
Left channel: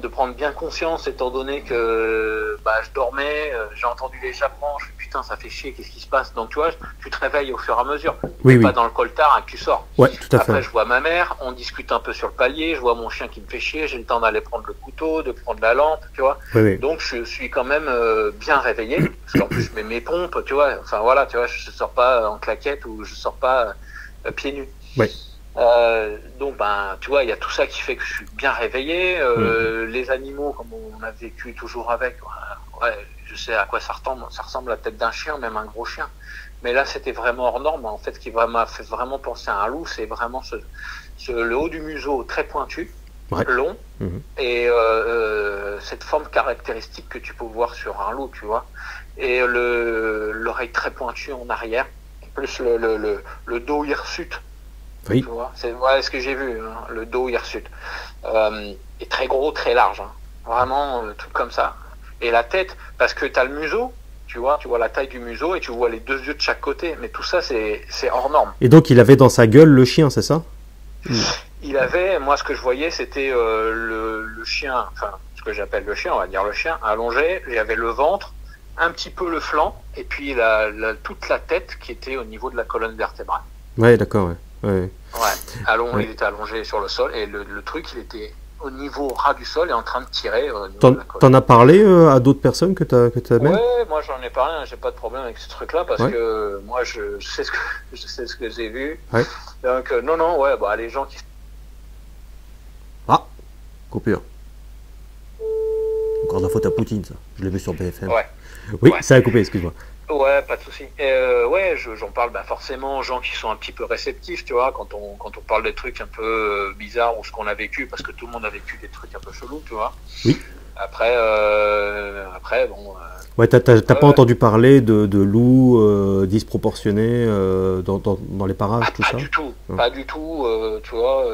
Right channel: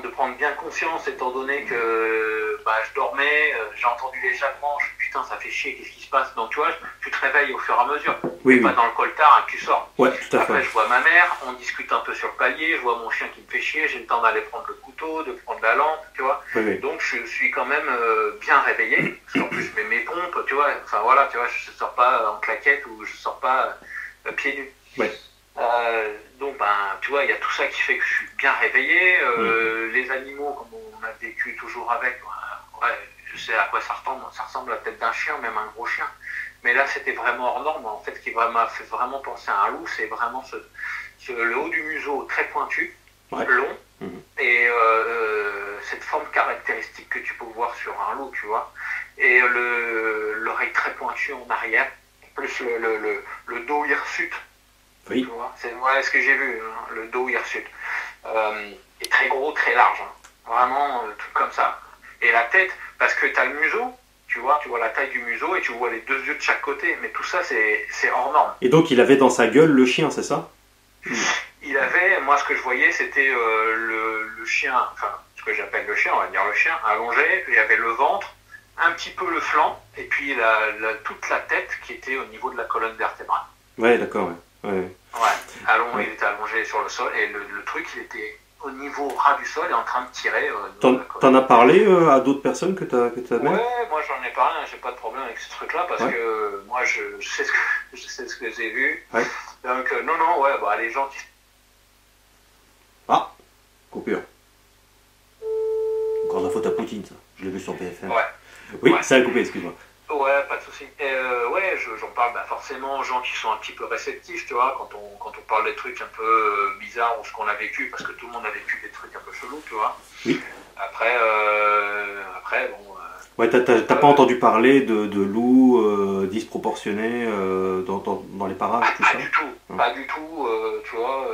prendre bien conscience, étant donné que bah, je dormais, j'ai entendu l'échappement, je me suis dit, putain, ça fait chier, qu'est-ce qui se passe? Donc tu vois, tu te réveilles au fur et à mesure, tu n'es pas dans le coltard et tu sors. Ouais, tout à fait. Après, je vois ma mère, on discute un peu sur le palier, je vois mon chien qui me fait chier, j'ai le temps d'aller prendre le couteau, de prendre la lampe, tu vois. Donc je suis quand même bien réveillé, parce qu'en plus je mets mes pompes, tu vois, enfin voilà, tu vois, je sors pas en claquette ou je sors pas pieds nus. Ouais. Donc ben tu vois, il y a tout ça qui fait que je suis bien réveillé. Les animaux, comme on a vécu toujours avec, ouais, je sais à quoi ça ressemble à la tête d'un chien, même un gros chien. Mais là c'était vraiment hors norme. En fait, ce qui m'a fait vraiment penser à un loup, c'est vraiment le haut du museau très pointu, long, et cette forme caractéristique que tu peux voir sur un loup, tu vois, et l'oreille très pointue en arrière, plus le dos hirsute. Oui. Tu vois, c'est ce que j'ai vu, hein, le dos hirsute. Est très gros, très large. Hein. Vraiment, tout comme ça. Et la tête, parce que tu as le museau, tu vois la taille du museau et tu vois les deux yeux de chaque côté. Mais tout ça, c'est hors norme. Et donc, il avait dans sa gueule le chien, c'est ça? Il avait, moi, ce que je voyais, c'était le chien, enfin, ce que j'appelle le chien, on va dire le chien, allongé. Il y avait le ventre, un petit peu le flanc, et puis toute la tête qui était au niveau de la colonne vertébrale. Ouais, d'accord, ouais. Il était allongé sur le sol et le truc, il était au niveau ras du sol et en train de tirer. T'en as parlé à d'autres personnes que t'as même? Ouais, moi j'en ai parlé, j'ai pas de problème avec ce truc-là parce que moi je sais ce que j'ai vu. Ouais. Donc non, ouais, bah les gens qui. Ah, coupure. Encore la faute à Poutine, ça. Je l'ai vu sur BFM. Ouais. Oui, ça a coupé, excuse-moi. Ouais, pas de souci. Ouais, j'en parle forcément aux gens qui sont un petit peu réceptifs, tu vois, quand on parle des trucs un peu bizarres ou ce qu'on a vécu, parce que tout le monde a vécu des trucs un peu chelous, tu vois. Oui. Après bon. Ouais, t'as pas entendu parler de loups disproportionnés dans les parages, tout ça? Pas du tout, tu vois,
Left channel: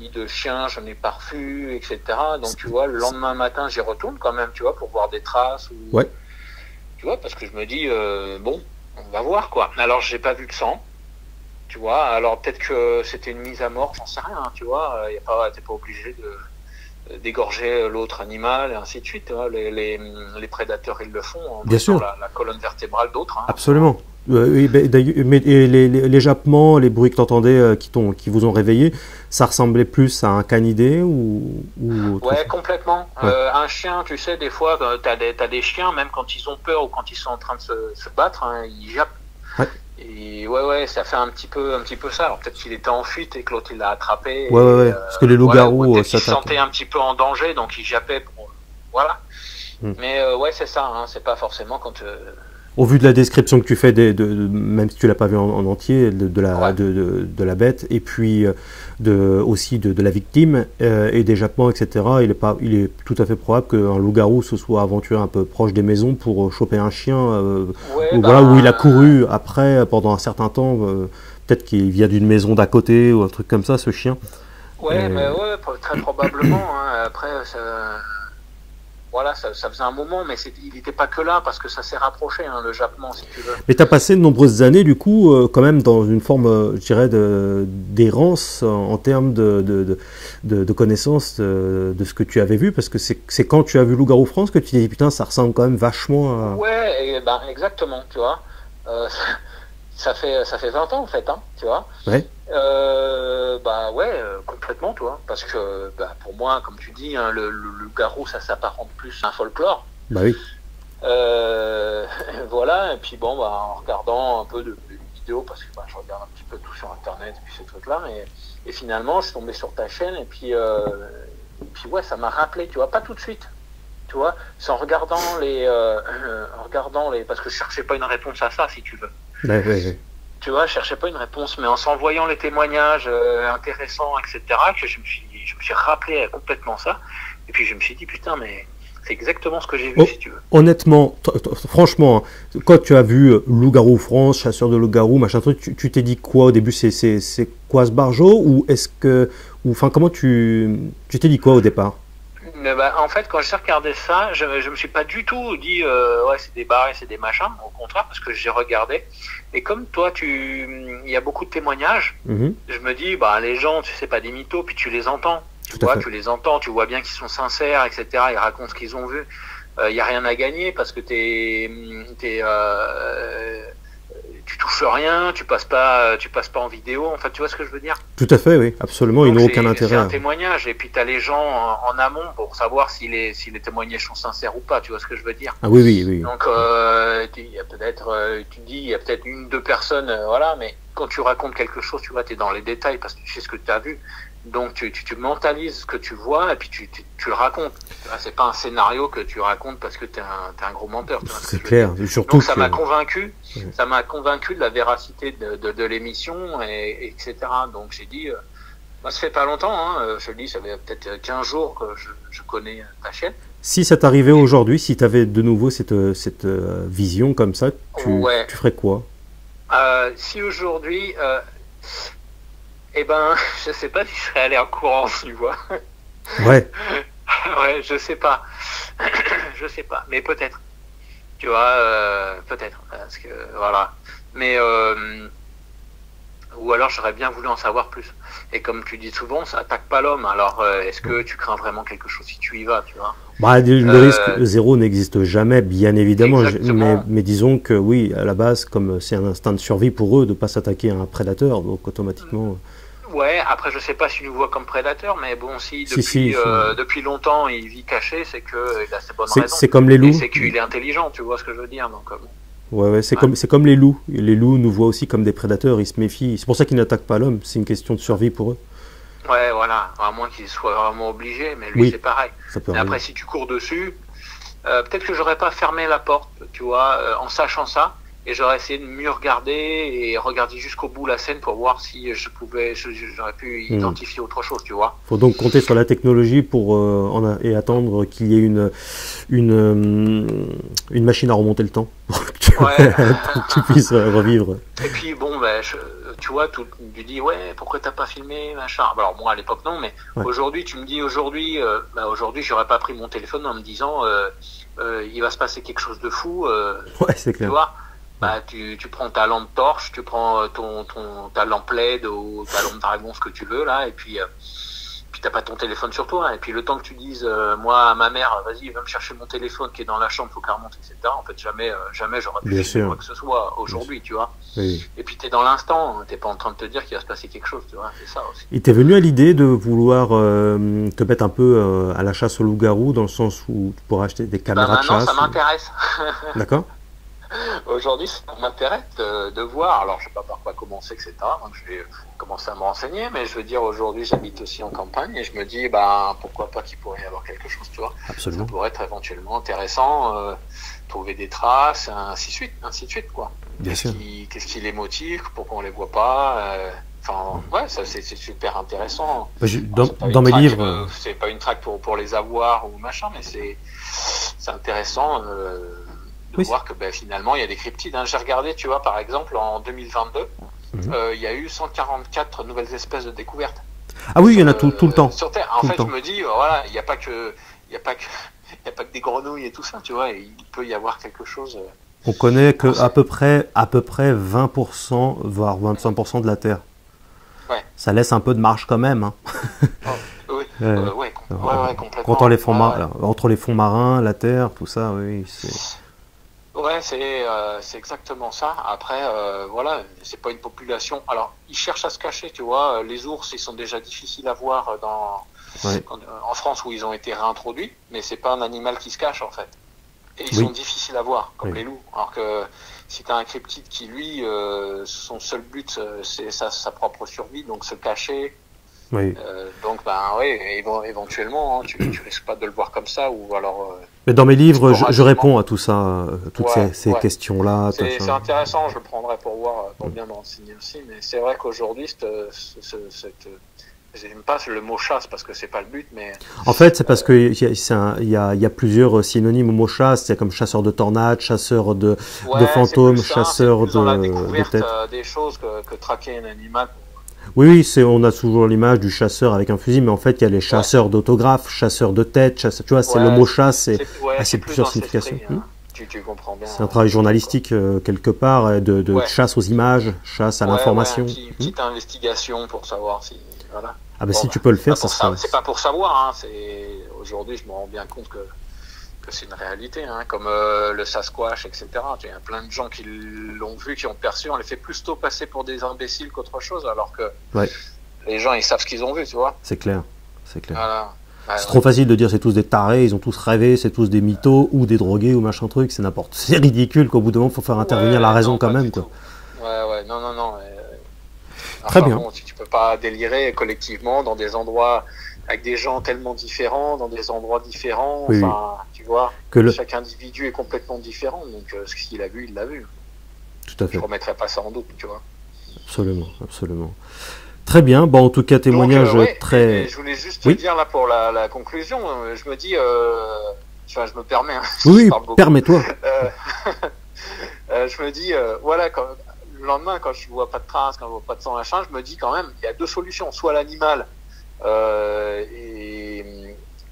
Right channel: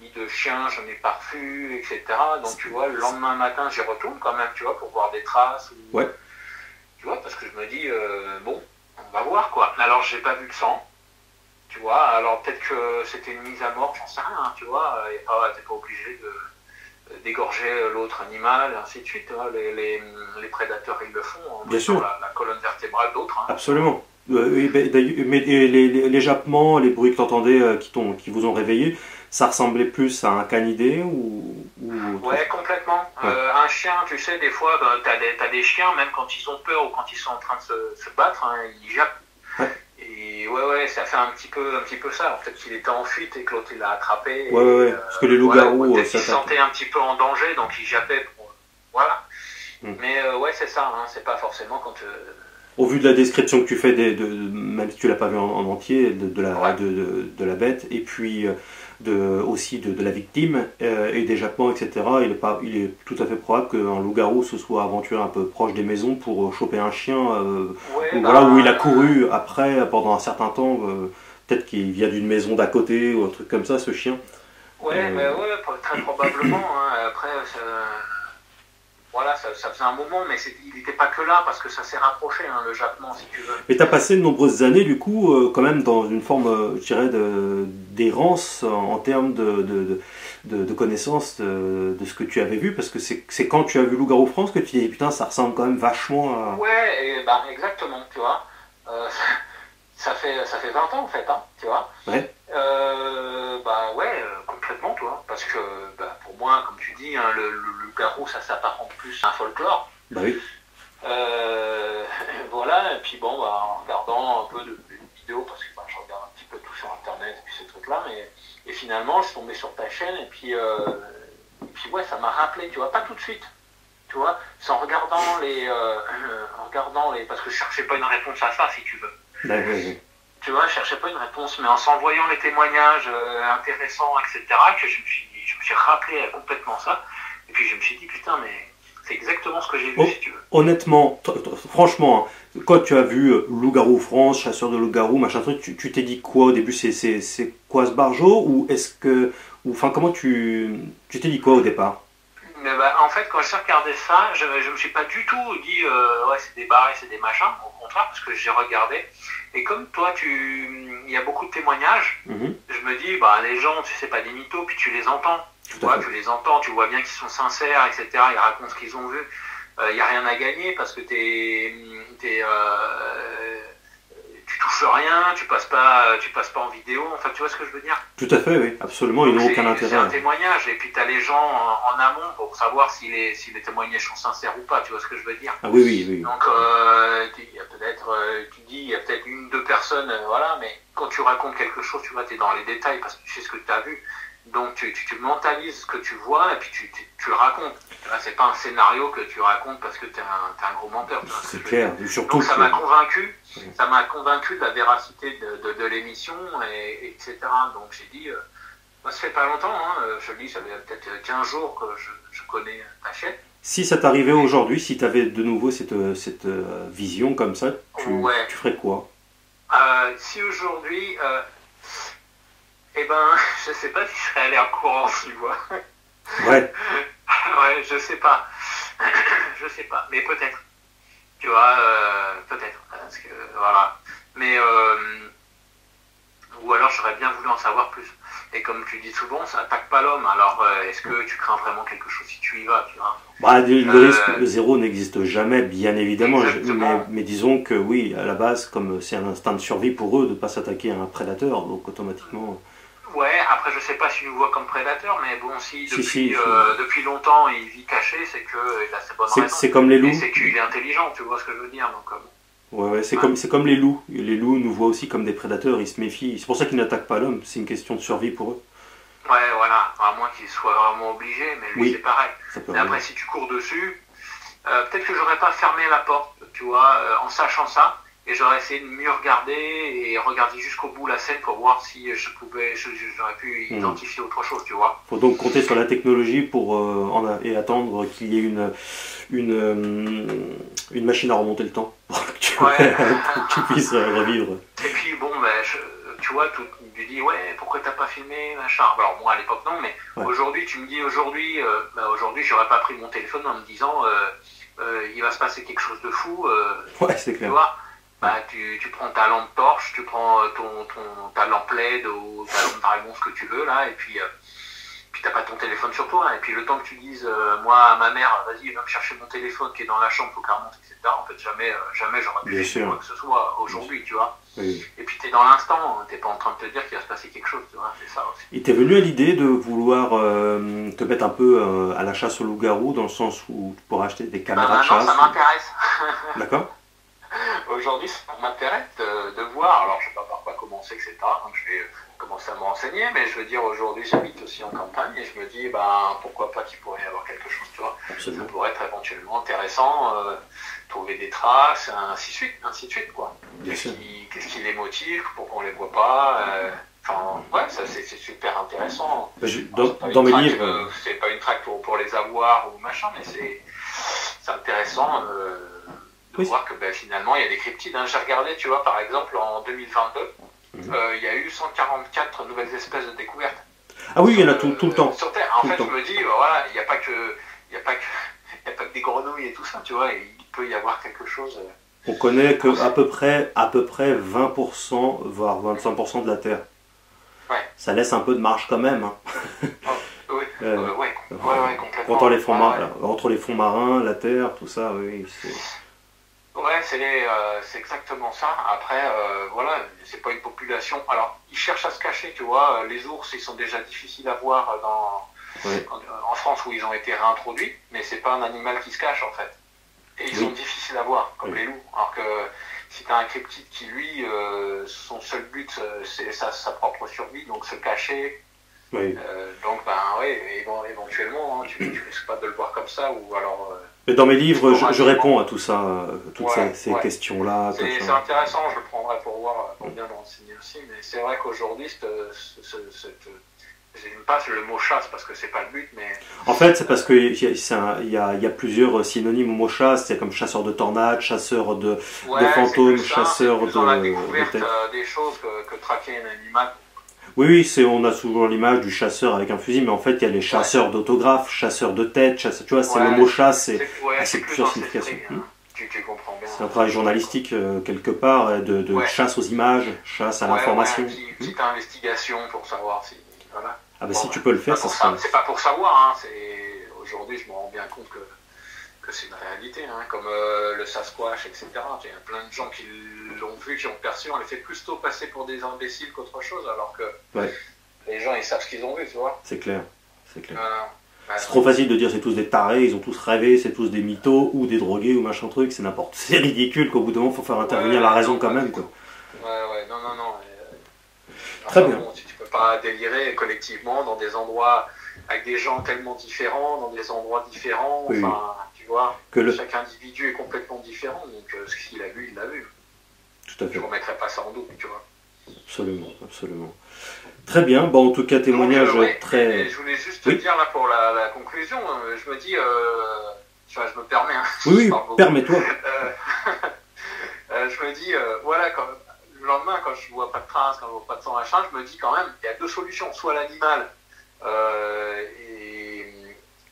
ni de chiens, j'en ai pas revu, etc. Donc, tu vois, le lendemain matin, j'y retourne quand même, tu vois, pour voir des traces. Ouais. Tu vois, parce que je me dis, bon, on va voir, quoi. Alors, j'ai pas vu de sang, tu vois, alors peut-être que c'était une mise à mort, j'en sais rien, tu vois, t'es pas obligé d'égorger l'autre animal, et ainsi de suite, hein. Les prédateurs, ils le font, bien sûr. La colonne vertébrale d'autres. Hein. Absolument. Mais les jappements, les bruits que t'entendais qui vous ont réveillé, ça ressemblait plus à un canidé ou ouais, complètement. Un chien, tu sais, des fois, t'as des chiens, même quand ils ont peur ou quand ils sont en train de se battre, hein, ils jappent. Ouais. Et puis ouais, ça fait un petit peu ça. Alors, peut-être qu'il était en fuite et que l'autre il l'a attrapé. Ouais. Parce que les loups-garous voilà, peut-être qu'il se s'attaquent. sentait un petit peu en danger, donc il jappait pour... Voilà. Mais ouais, c'est ça, hein, c'est pas forcément quand... Au vu de la description que tu fais, même si tu l'as pas vu en entier, de la bête, et puis aussi de la victime, et des jappements, etc., il est tout à fait probable qu'un loup-garou se soit aventuré un peu proche des maisons pour choper un chien, voilà, où il a couru après, pendant un certain temps, peut-être qu'il vient d'une maison d'à côté, ou un truc comme ça, ce chien. Ouais, mais ouais, très probablement, hein. Après, voilà, ça faisait un moment, mais il n'était pas que là, parce que ça s'est rapproché, hein, le jappement, si tu veux. Mais tu as passé de nombreuses années, du coup, quand même dans une forme, je dirais, d'errance en termes de connaissance de ce que tu avais vu, parce que c'est quand tu as vu Loup-garou France que tu t'es dit, putain, ça ressemble quand même vachement à... Ouais, et ben, exactement, tu vois. Ça fait 20 ans, en fait, hein, tu vois. Ouais. Bah ouais, complètement, toi. Parce que bah, pour moi, comme tu dis, hein, le loup-garou, ça s'apparente plus à un folklore. Bah oui. Voilà, et puis bon, bah, en regardant un peu de vidéos, parce que bah, je regarde un petit peu tout sur Internet, et puis ces trucs-là, et finalement, je suis tombé sur ta chaîne, et puis ouais, ça m'a rappelé, tu vois, pas tout de suite. Tu vois, c'est en regardant parce que je cherchais pas une réponse à ça, si tu veux. Ouais. Tu vois, je cherchais pas une réponse, mais en s'envoyant les témoignages intéressants, etc., que je me suis rappelé complètement ça. Et puis je me suis dit, putain, mais c'est exactement ce que j'ai vu, si tu veux. Honnêtement, franchement, quand tu as vu Loup-garou France, chasseur de loup-garou, machin truc, tu t'es dit quoi au début? C'est quoi ce barjo? Ou est-ce que... Enfin, comment tu t'es dit quoi au départ? Mais bah, en fait, quand j'ai regardé ça, je me suis pas du tout dit ouais, c'est des barres, c'est des machins. Au contraire, parce que j'ai regardé. Et comme toi, il y a beaucoup de témoignages, je me dis, bah, les gens, tu sais, pas des mythos, puis tu les entends. Tu les entends, tu vois bien qu'ils sont sincères, etc. Ils racontent ce qu'ils ont vu. Il n'y a rien à gagner parce que tu touches rien, tu passes pas en vidéo. Enfin, tu vois ce que je veux dire? Tout à fait, oui, absolument. Ils n'ont aucun intérêt. C'est un témoignage. Et puis, tu as les gens en amont pour savoir si les témoignages sont sincères ou pas. Tu vois ce que je veux dire? Ah oui. Donc, il y a peut-être, tu dis, il y a peut-être une, deux personnes, voilà, mais quand tu racontes quelque chose, tu vois, tu es dans les détails parce que tu sais ce que tu as vu. Donc, tu mentalises ce que tu vois et puis tu le racontes. C'est pas un scénario que tu racontes parce que tu es un gros menteur. C'est clair. Surtout donc, ça m'a convaincu. Ça m'a convaincu de la véracité de l'émission, etc. Donc, j'ai dit, moi, ça fait pas longtemps, hein, je le dis, ça fait peut-être 15 jours que je connais ta chaîne. Si ça t'arrivait aujourd'hui, si tu avais de nouveau cette vision comme ça, tu ferais quoi? Si aujourd'hui... eh ben, je sais pas si je serais allé en courant, tu vois. Ouais. Ouais, je sais pas. Je sais pas, mais peut-être. Tu vois, peut-être. Parce que, voilà. Mais, ou alors j'aurais bien voulu en savoir plus. Et comme tu dis souvent, ça attaque pas l'homme. Alors, est-ce que tu crains vraiment quelque chose si tu y vas, tu vois? Bah, le risque zéro n'existe jamais, bien évidemment. Mais disons que oui, à la base, comme c'est un instinct de survie pour eux de ne pas s'attaquer à un prédateur, donc automatiquement... Ouais, après je sais pas s'il nous voit comme prédateur, mais bon, si depuis longtemps il vit caché, c'est qu'il a ses bonnes raisons. C'est comme les loups. C'est qu'il est intelligent, tu vois ce que je veux dire. Donc, ouais, c'est comme les loups. Les loups nous voient aussi comme des prédateurs, ils se méfient. C'est pour ça qu'ils n'attaquent pas l'homme, c'est une question de survie pour eux. Ouais, voilà, à moins qu'ils soient vraiment obligés, mais lui c'est pareil. Mais après, si tu cours dessus, peut-être que j'aurais pas fermé la porte, tu vois, en sachant ça. Et j'aurais essayé de mieux regarder et regarder jusqu'au bout la scène pour voir si j'aurais pu identifier autre chose, tu vois. Faut donc compter sur la technologie pour et attendre qu'il y ait une machine à remonter le temps pour que tu puisses revivre. Et puis bon, tu vois, tu dis ouais, pourquoi t'as pas filmé machin. Alors moi à l'époque non, mais aujourd'hui tu me dis aujourd'hui j'aurais pas pris mon téléphone en me disant il va se passer quelque chose de fou. Ouais, c'est clair. Tu vois. Bah, tu prends ta lampe torche, tu prends ta lampe LED ou ta lampe dragon, ce que tu veux, là, et puis t'as pas ton téléphone sur toi. Et puis le temps que tu dises, moi, à ma mère, vas-y, va me chercher mon téléphone qui est dans la chambre, faut qu'elle remonte, etc. En fait, jamais j'aurais pu faire quoi que ce soit aujourd'hui, tu vois. Oui. Et puis t'es dans l'instant, t'es pas en train de te dire qu'il va se passer quelque chose, tu vois, c'est ça aussi. Il t'est venu à l'idée de vouloir te mettre un peu à la chasse au loup-garou, dans le sens où tu pourrais acheter des caméras de chasse? Non, ça m'intéresse. D'accord. aujourd'hui, ça m'intéresse de voir. Alors, je ne sais pas par quoi commencer, etc. Donc, je vais commencer à me renseigner. Mais je veux dire, aujourd'hui, j'habite aussi en campagne et je me dis, bah, pourquoi pas qu'il pourrait y avoir quelque chose, tu vois. Absolument. Ça pourrait être éventuellement intéressant, trouver des traces, ainsi de suite, quoi. Bien sûr. Qu'est-ce qui les motive, pourquoi on les voit pas Enfin, ouais, ça c'est super intéressant. Dans mes livres. C'est pas une traque pour les avoir ou machin, mais c'est intéressant de voir que finalement il y a des cryptides. Hein. J'ai regardé, tu vois, par exemple en 2022, il y a eu 144 nouvelles espèces de découvertes. Ah oui, il y en a tout le temps. Sur Terre. En fait, je me dis, voilà, il n'y a pas que des grenouilles et tout ça, tu vois, il peut y avoir quelque chose. On connaît que à peu près 20%, voire 25% de la Terre. Ouais. Ça laisse un peu de marge quand même. Hein. Oui, complètement. Entre les fonds marins, la Terre, tout ça, oui. Ouais, c'est exactement ça. Après, voilà, c'est pas une population. Alors, ils cherchent à se cacher, tu vois. Les ours, ils sont déjà difficiles à voir en France où ils ont été réintroduits, mais c'est pas un animal qui se cache en fait. Et ils sont difficiles à voir, comme les loups. Alors que si tu as un cryptide qui, lui, son seul but, c'est sa propre survie, donc se cacher. Oui. Donc, éventuellement, tu risques pas de le voir comme ça, ou alors... Mais dans mes livres, je réponds à tout ça, toutes ces questions-là. C'est intéressant, je le prendrai pour voir, pour bien m'enseigner aussi, mais c'est vrai qu'aujourd'hui, j'aime pas le mot chasse parce que c'est pas le but, mais... En fait, c'est parce qu'il y a plusieurs synonymes au mot chasse, c'est comme chasseur de tornades, chasseur de fantômes, chasseur de têtes. Des choses que traquer un animal. Oui, on a toujours l'image du chasseur avec un fusil, mais en fait, il y a les chasseurs d'autographes, chasseurs de têtes, tu vois, c'est le mot chasse, c'est plusieurs significations. Tu comprends bien. C'est un travail journalistique, quelque part, de chasse aux images, chasse à l'information. Petite investigation pour savoir si... Voilà. Ah bah si tu peux le faire, ça sera... C'est pas pour savoir, hein, aujourd'hui je me rends bien compte que c'est une réalité, hein, comme le Sasquatch, etc. Il y a plein de gens qui l'ont vu, qui ont perçu, on les fait plus tôt passer pour des imbéciles qu'autre chose, alors que les gens ils savent ce qu'ils ont vu, tu vois. C'est clair. C'est trop facile de dire c'est tous des tarés, ils ont tous rêvé, c'est tous des mythos ou des drogués ou machin truc, c'est ridicule qu'au bout d'un moment il faut faire intervenir la raison quand même, quoi. Non. Très bien. Bon, tu peux pas délirer collectivement dans des endroits avec des gens tellement différents, dans des endroits différents, tu vois, chaque individu est complètement différent, donc ce qu'il a vu, il l'a vu. Tout à fait. Je ne remettrai pas ça en doute, tu vois. Absolument. Très bien, en tout cas, témoignage très... Je voulais juste te dire, là, pour la conclusion, je me dis, je me permets... Oui, permets-toi. Je me dis, voilà, le lendemain, quand je vois pas de traces, quand je vois pas de sang, machin, je me dis quand même, il y a deux solutions. Soit l'animal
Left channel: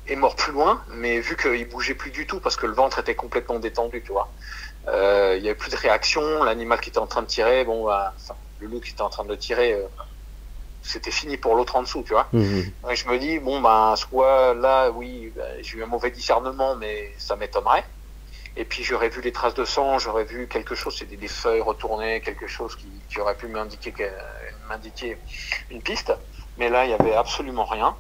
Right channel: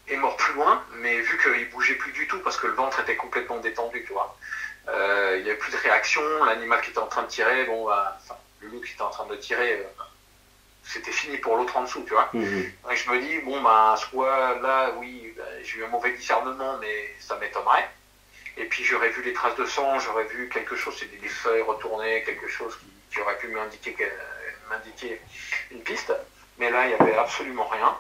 est mort plus loin, mais vu qu'il bougeait plus du tout, parce que le ventre était complètement détendu, tu vois. Il n'y avait plus de réaction, l'animal qui était en train de tirer, le loup qui était en train de tirer, c'était fini pour l'autre en dessous, tu vois. Donc je me dis, soit là, j'ai eu un mauvais discernement, mais ça m'étonnerait. Et puis j'aurais vu les traces de sang, j'aurais vu quelque chose, c'était des feuilles retournées, quelque chose qui aurait pu m'indiquer une piste. Mais là, il n'y avait absolument rien.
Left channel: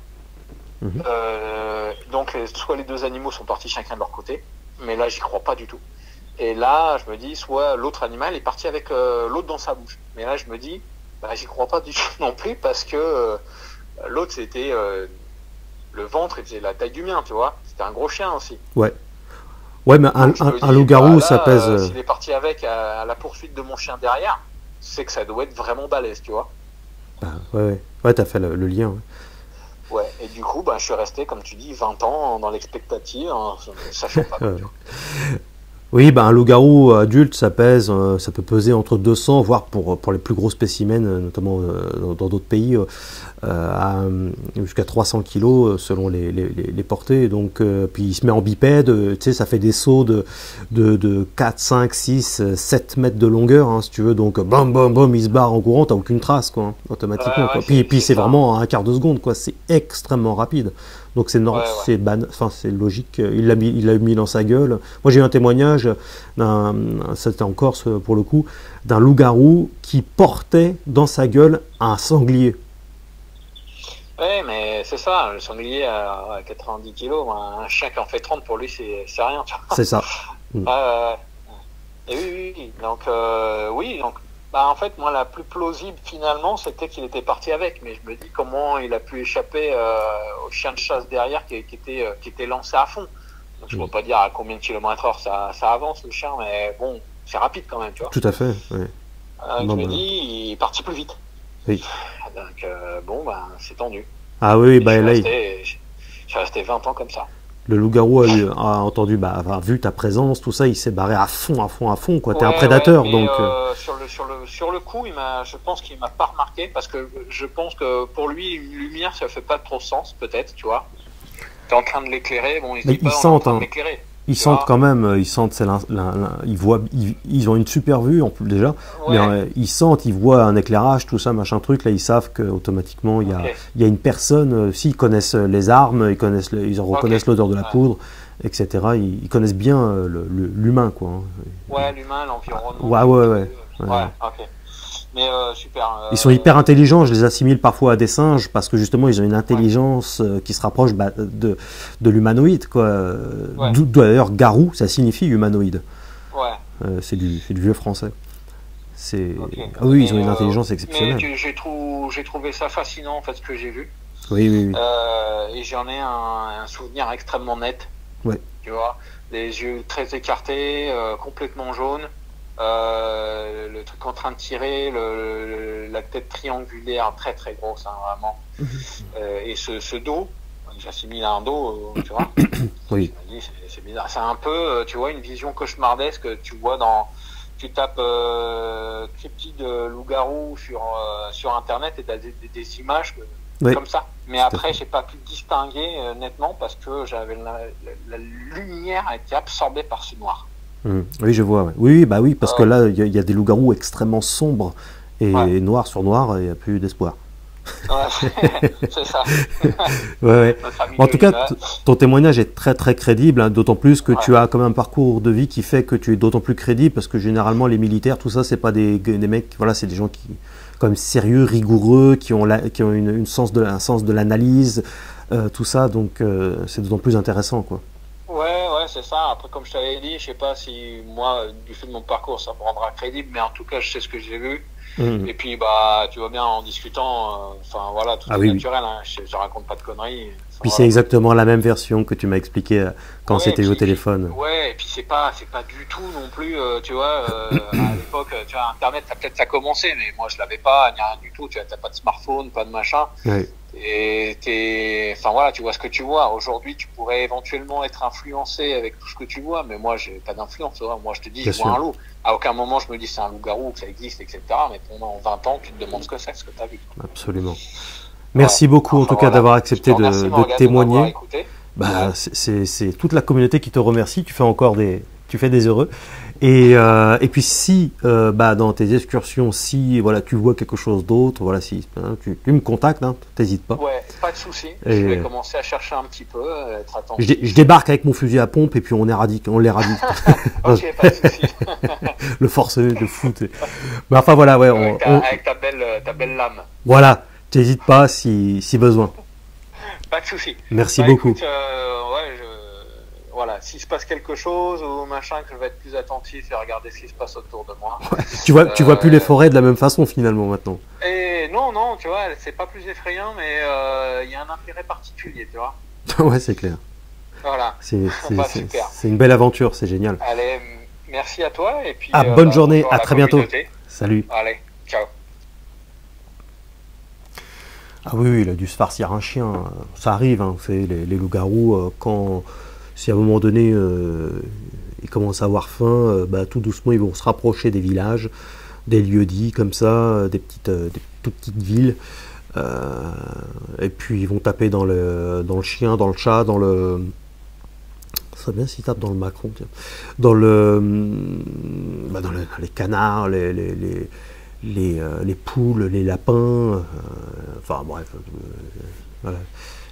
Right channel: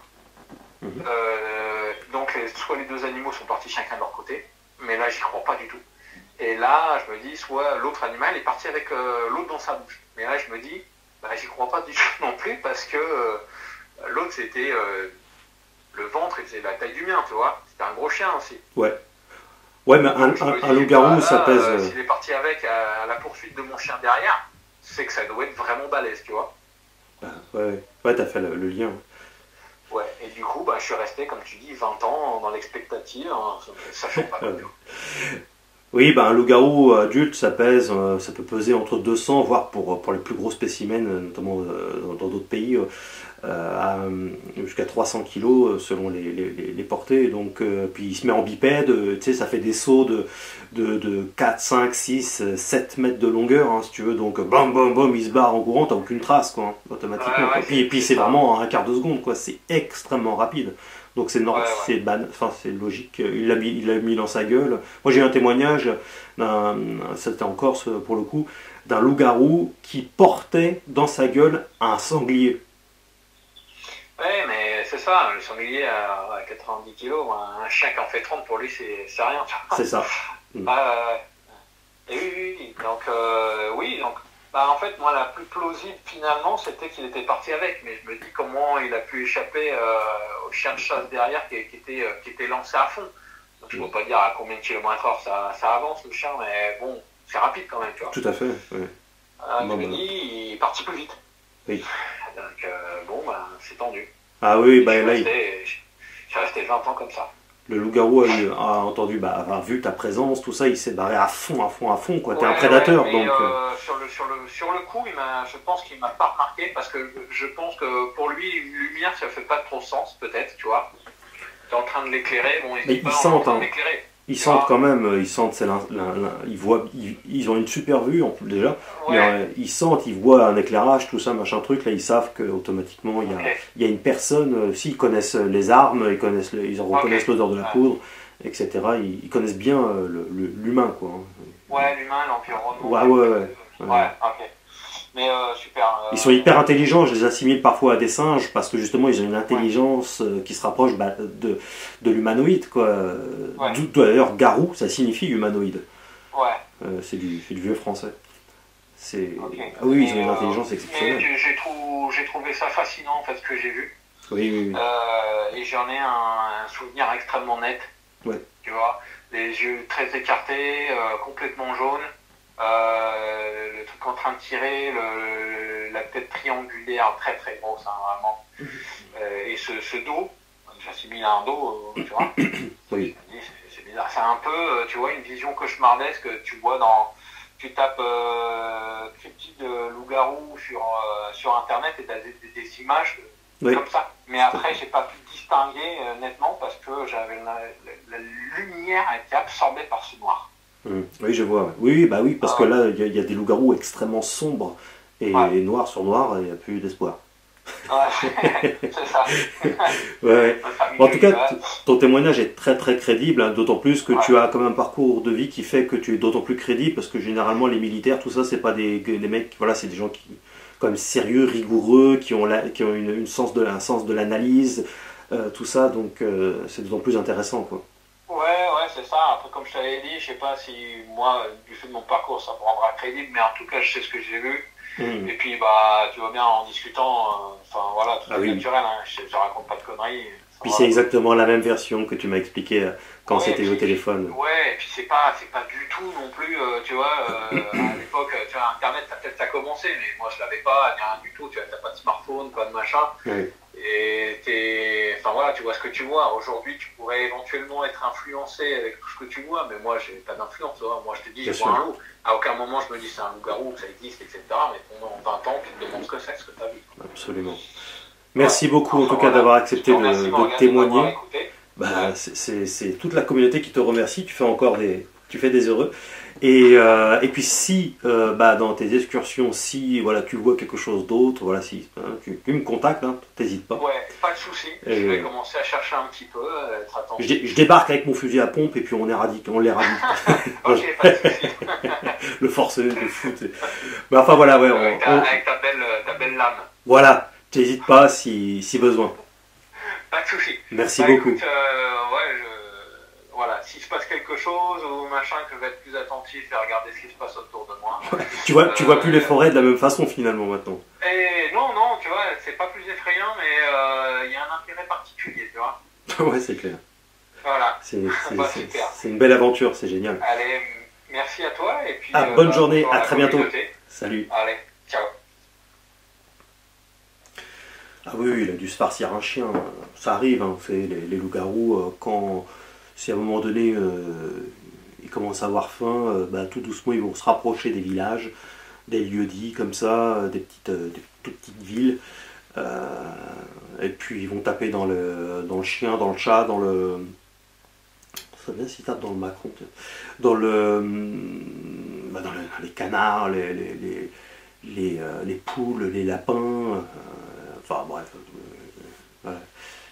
Donc soit les deux animaux sont partis chacun de leur côté, mais là, j'y crois pas du tout. Et là, je me dis, soit l'autre animal est parti avec l'autre dans sa bouche. Mais là, je me dis, j'y crois pas du tout non plus, parce que l'autre, c'était le ventre, il faisait la taille du mien, tu vois. C'était un gros chien aussi. Ouais, mais un loup-garou, ça pèse... S'il est parti avec à la poursuite de mon chien derrière, c'est que ça doit être vraiment balèze, tu vois. Ouais, t'as fait le lien. Ouais, et du coup, je suis resté, comme tu dis, 20 ans dans l'expectative, sachant pas. Oui, un loup-garou adulte, ça peut peser entre 200, voire pour les plus gros spécimens, notamment dans d'autres pays, jusqu'à 300 kilos selon les portées. Donc, puis il se met en bipède, ça fait des sauts de 4, 5, 6, 7 mètres de longueur, hein, si tu veux. Donc, bam, il se barre en courant, t'as aucune trace, quoi, automatiquement. Quoi. Puis c'est vraiment un quart de seconde, quoi. C'est extrêmement rapide. Donc c'est logique, il l'a mis dans sa gueule. Moi j'ai eu un témoignage, c'était en Corse pour le coup, d'un loup-garou qui portait dans sa gueule un sanglier. Ouais, mais c'est ça, le sanglier à 90 kg, un chien qui en fait 30 pour lui c'est rien. C'est ça. Et oui, oui, oui. Donc, oui, donc, en fait, moi, la plus plausible finalement, c'était qu'il était parti avec. Mais je me dis comment il a pu échapper au chien de chasse derrière qui était lancé à fond. Donc, je ne peux pas dire à combien de kilomètres heure ça avance le chien, mais bon, c'est rapide quand même, tu vois. Tout à fait. Ouais. Je me dis, il est parti plus vite. Oui. Donc, bon, c'est tendu. Ah oui, Je là, suis resté 20 ans comme ça. le loup-garou a entendu, a vu ta présence, tout ça, il s'est barré à fond, quoi. T'es un Ouais, prédateur, mais donc. sur le coup, je pense qu'il m'a pas remarqué parce que je pense que pour lui, une lumière, ça fait pas trop sens, peut-être, tu vois. T'es en train de l'éclairer, bon, Mais ils sentent, hein. Ils sentent quand même, ils voient, ils ont une super vue en plus déjà, Ouais. mais ils sentent, ils voient un éclairage, tout ça, machin truc, là ils savent qu'automatiquement il y a une personne, s'ils connaissent les armes, ils reconnaissent l'odeur de la poudre, etc. Ils connaissent bien l'humain, quoi. Ouais, l'humain, l'environnement. Ouais. Ok. Mais super. Ils sont hyper intelligents, je les assimile parfois à des singes parce que justement ils ont une intelligence qui se rapproche de l'humanoïde, quoi. Ouais. D'ailleurs, garou, ça signifie humanoïde. Ouais. C'est du vieux français. Okay. Ah oui, ils ont une intelligence exceptionnelle. Mais j'ai trouvé ça fascinant en fait ce que j'ai vu. Oui. Et j'en ai un souvenir extrêmement net. Ouais. Tu vois, les yeux très écartés, complètement jaunes. Le truc en train de tirer, la tête triangulaire très très grosse, hein, vraiment. Et ce dos, j'assimile à un dos, tu vois. Oui. C'est bizarre. C'est un peu, tu vois, une vision cauchemardesque que tu vois tu tapes cryptide de loup-garou sur internet et t'as des images comme ça. Mais après, j'ai pas pu distinguer nettement parce que j'avais la lumière a été absorbée par ce noir. Oui, je vois. Ouais. Oui, parce que là, il y a des loups-garous extrêmement sombres et noir sur noir, il n'y a plus d'espoir. C'est ça. Ouais. En tout cas, ton témoignage est très très crédible, hein, d'autant plus que tu as quand même un parcours de vie qui fait que tu es d'autant plus crédible, parce que généralement les militaires, tout ça, c'est pas des mecs, voilà, c'est des gens qui quand même sérieux, rigoureux, qui ont un sens de l'analyse, tout ça, donc c'est d'autant plus intéressant, quoi. Ouais, c'est ça. Après, comme je t'avais dit, je sais pas si moi, du fait de mon parcours, ça me rendra crédible, mais en tout cas, je sais ce que j'ai vu. Et puis, tu vois bien, en discutant, voilà, tout est naturel, hein, je raconte pas de conneries. Puis c'est exactement la même version que tu m'as expliqué quand c'était au téléphone. Ouais, et puis c'est pas du tout non plus, tu vois, à l'époque, tu vois, Internet, peut-être ça a commencé, mais moi je l'avais pas, rien du tout, tu vois, t'as pas de smartphone, pas de machin. Ouais. Et voilà, tu vois ce que tu vois. Aujourd'hui, tu pourrais éventuellement être influencé avec tout ce que tu vois, mais moi, j'ai pas d'influence. Moi, je te dis, je vois un loup. À aucun moment, je me dis c'est un loup-garou, que ça existe, etc. Mais pendant 20 ans, tu te demandes ce que c'est, ce que tu as vu. Absolument. Merci beaucoup, en tout cas, d'avoir accepté de témoigner. C'est toute la communauté qui te remercie. Tu fais des heureux. Et puis si dans tes excursions, si voilà, tu vois quelque chose d'autre, voilà, si tu me contactes, hein, t'hésites pas. Ouais, pas de souci. Je vais commencer à chercher un petit peu, être attentif. Je débarque avec mon fusil à pompe et puis on l'éradique. Ok, pas de souci. Le forcené de foot. Mais enfin voilà, ouais. Avec ta belle lame. Voilà, t'hésites pas si besoin. Pas de souci. Merci beaucoup. Écoute, voilà, s'il se passe quelque chose ou machin, que je vais être plus attentif et regarder ce qui se passe autour de moi. Tu vois plus les forêts de la même façon finalement maintenant. Et non, tu vois, c'est pas plus effrayant, mais il y a un intérêt particulier, tu vois. Ouais, c'est clair. Voilà. C'est une belle aventure, c'est génial. Allez, merci à toi et puis. Bonne journée, à très bientôt. Salut. Allez, ciao. Ah oui, il a dû se farcir un chien. Ça arrive, hein, les loups-garous, si à un moment donné ils commencent à avoir faim, tout doucement ils vont se rapprocher des villages, des lieux-dits comme ça, des toutes petites villes, et puis ils vont taper dans le chien, dans le chat, dans le... Ça serait bien s'ils tapent dans le Macron, tiens. Dans les canards, les poules, les lapins, enfin bref, voilà,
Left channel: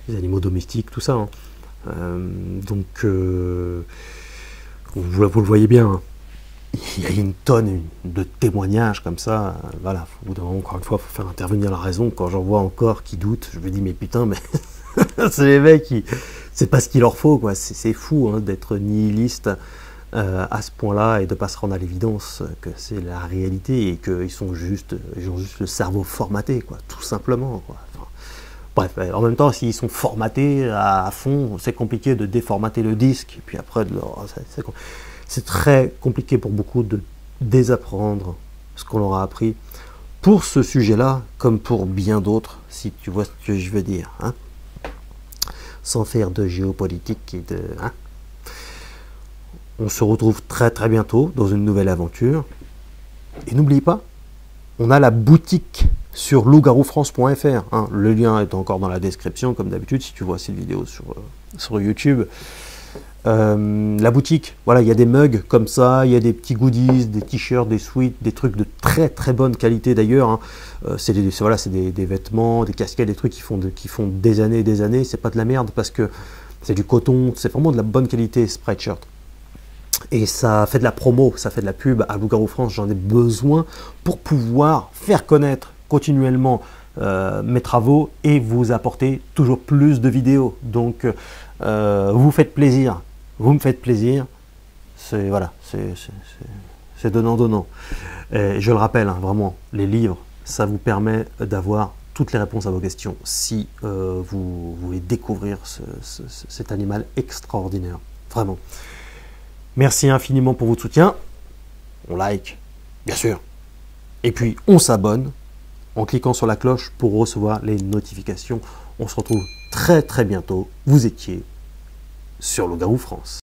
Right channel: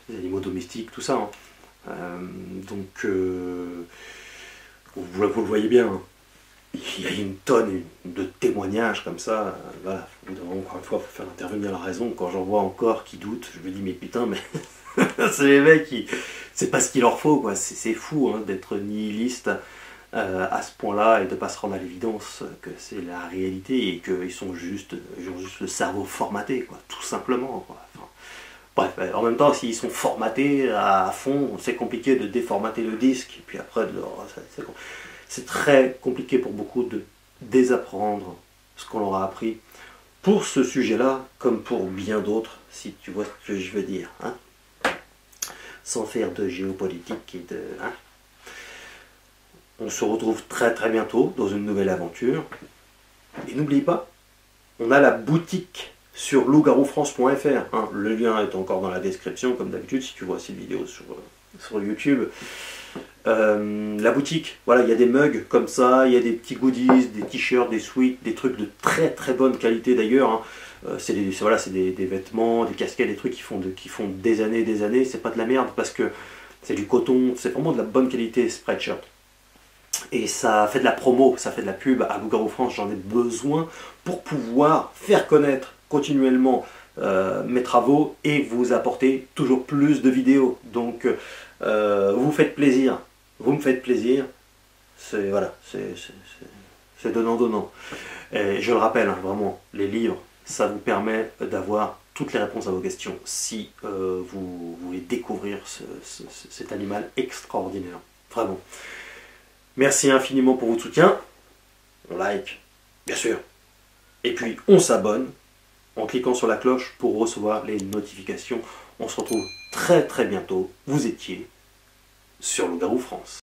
les animaux domestiques, tout ça. Hein. Donc, vous le voyez bien, hein. Il y a une tonne de témoignages comme ça. Voilà, encore une fois, il faut faire intervenir la raison. Quand j'en vois encore qui doutent, je me dis, mais putain, mais c'est les mecs c'est pas ce qu'il leur faut, quoi. C'est fou, hein, d'être nihiliste à ce point-là et de ne pas se rendre à l'évidence que c'est la réalité et qu'ils ont juste le cerveau formaté, quoi, tout simplement, quoi. Enfin, bref, en même temps, s'ils sont formatés à fond, c'est compliqué de déformater le disque, et puis après, c'est très compliqué pour beaucoup de désapprendre ce qu'on leur a appris pour ce sujet-là, comme pour bien d'autres, si tu vois ce que je veux dire, hein, sans faire de géopolitique et de... Hein. On se retrouve très très bientôt dans une nouvelle aventure. Et n'oubliez pas, on a la boutique sur loup-garou-france.fr. Hein. Le lien est encore dans la description, comme d'habitude, si tu vois cette vidéo sur YouTube. La boutique, voilà, il y a des mugs comme ça, il y a des petits goodies, des t-shirts, des sweats, des trucs de très très bonne qualité d'ailleurs. Hein. C'est des vêtements, des casquettes, des trucs qui font des années et des années. C'est pas de la merde parce que c'est du coton, c'est vraiment de la bonne qualité Spreadshirt. Et ça fait de la promo, ça fait de la pub à Loup-Garou France. J'en ai besoin pour pouvoir faire connaître continuellement mes travaux et vous apporter toujours plus de vidéos. Donc vous faites plaisir, vous me faites plaisir. C'est voilà, c'est donnant. Et je le rappelle, hein, vraiment, les livres, ça vous permet d'avoir toutes les réponses à vos questions si vous voulez découvrir cet animal extraordinaire. Vraiment. Merci infiniment pour votre soutien. On like, bien sûr. Et puis, on s'abonne en cliquant sur la cloche pour recevoir les notifications. On se retrouve très très bientôt. Vous étiez sur Loup-Garou France.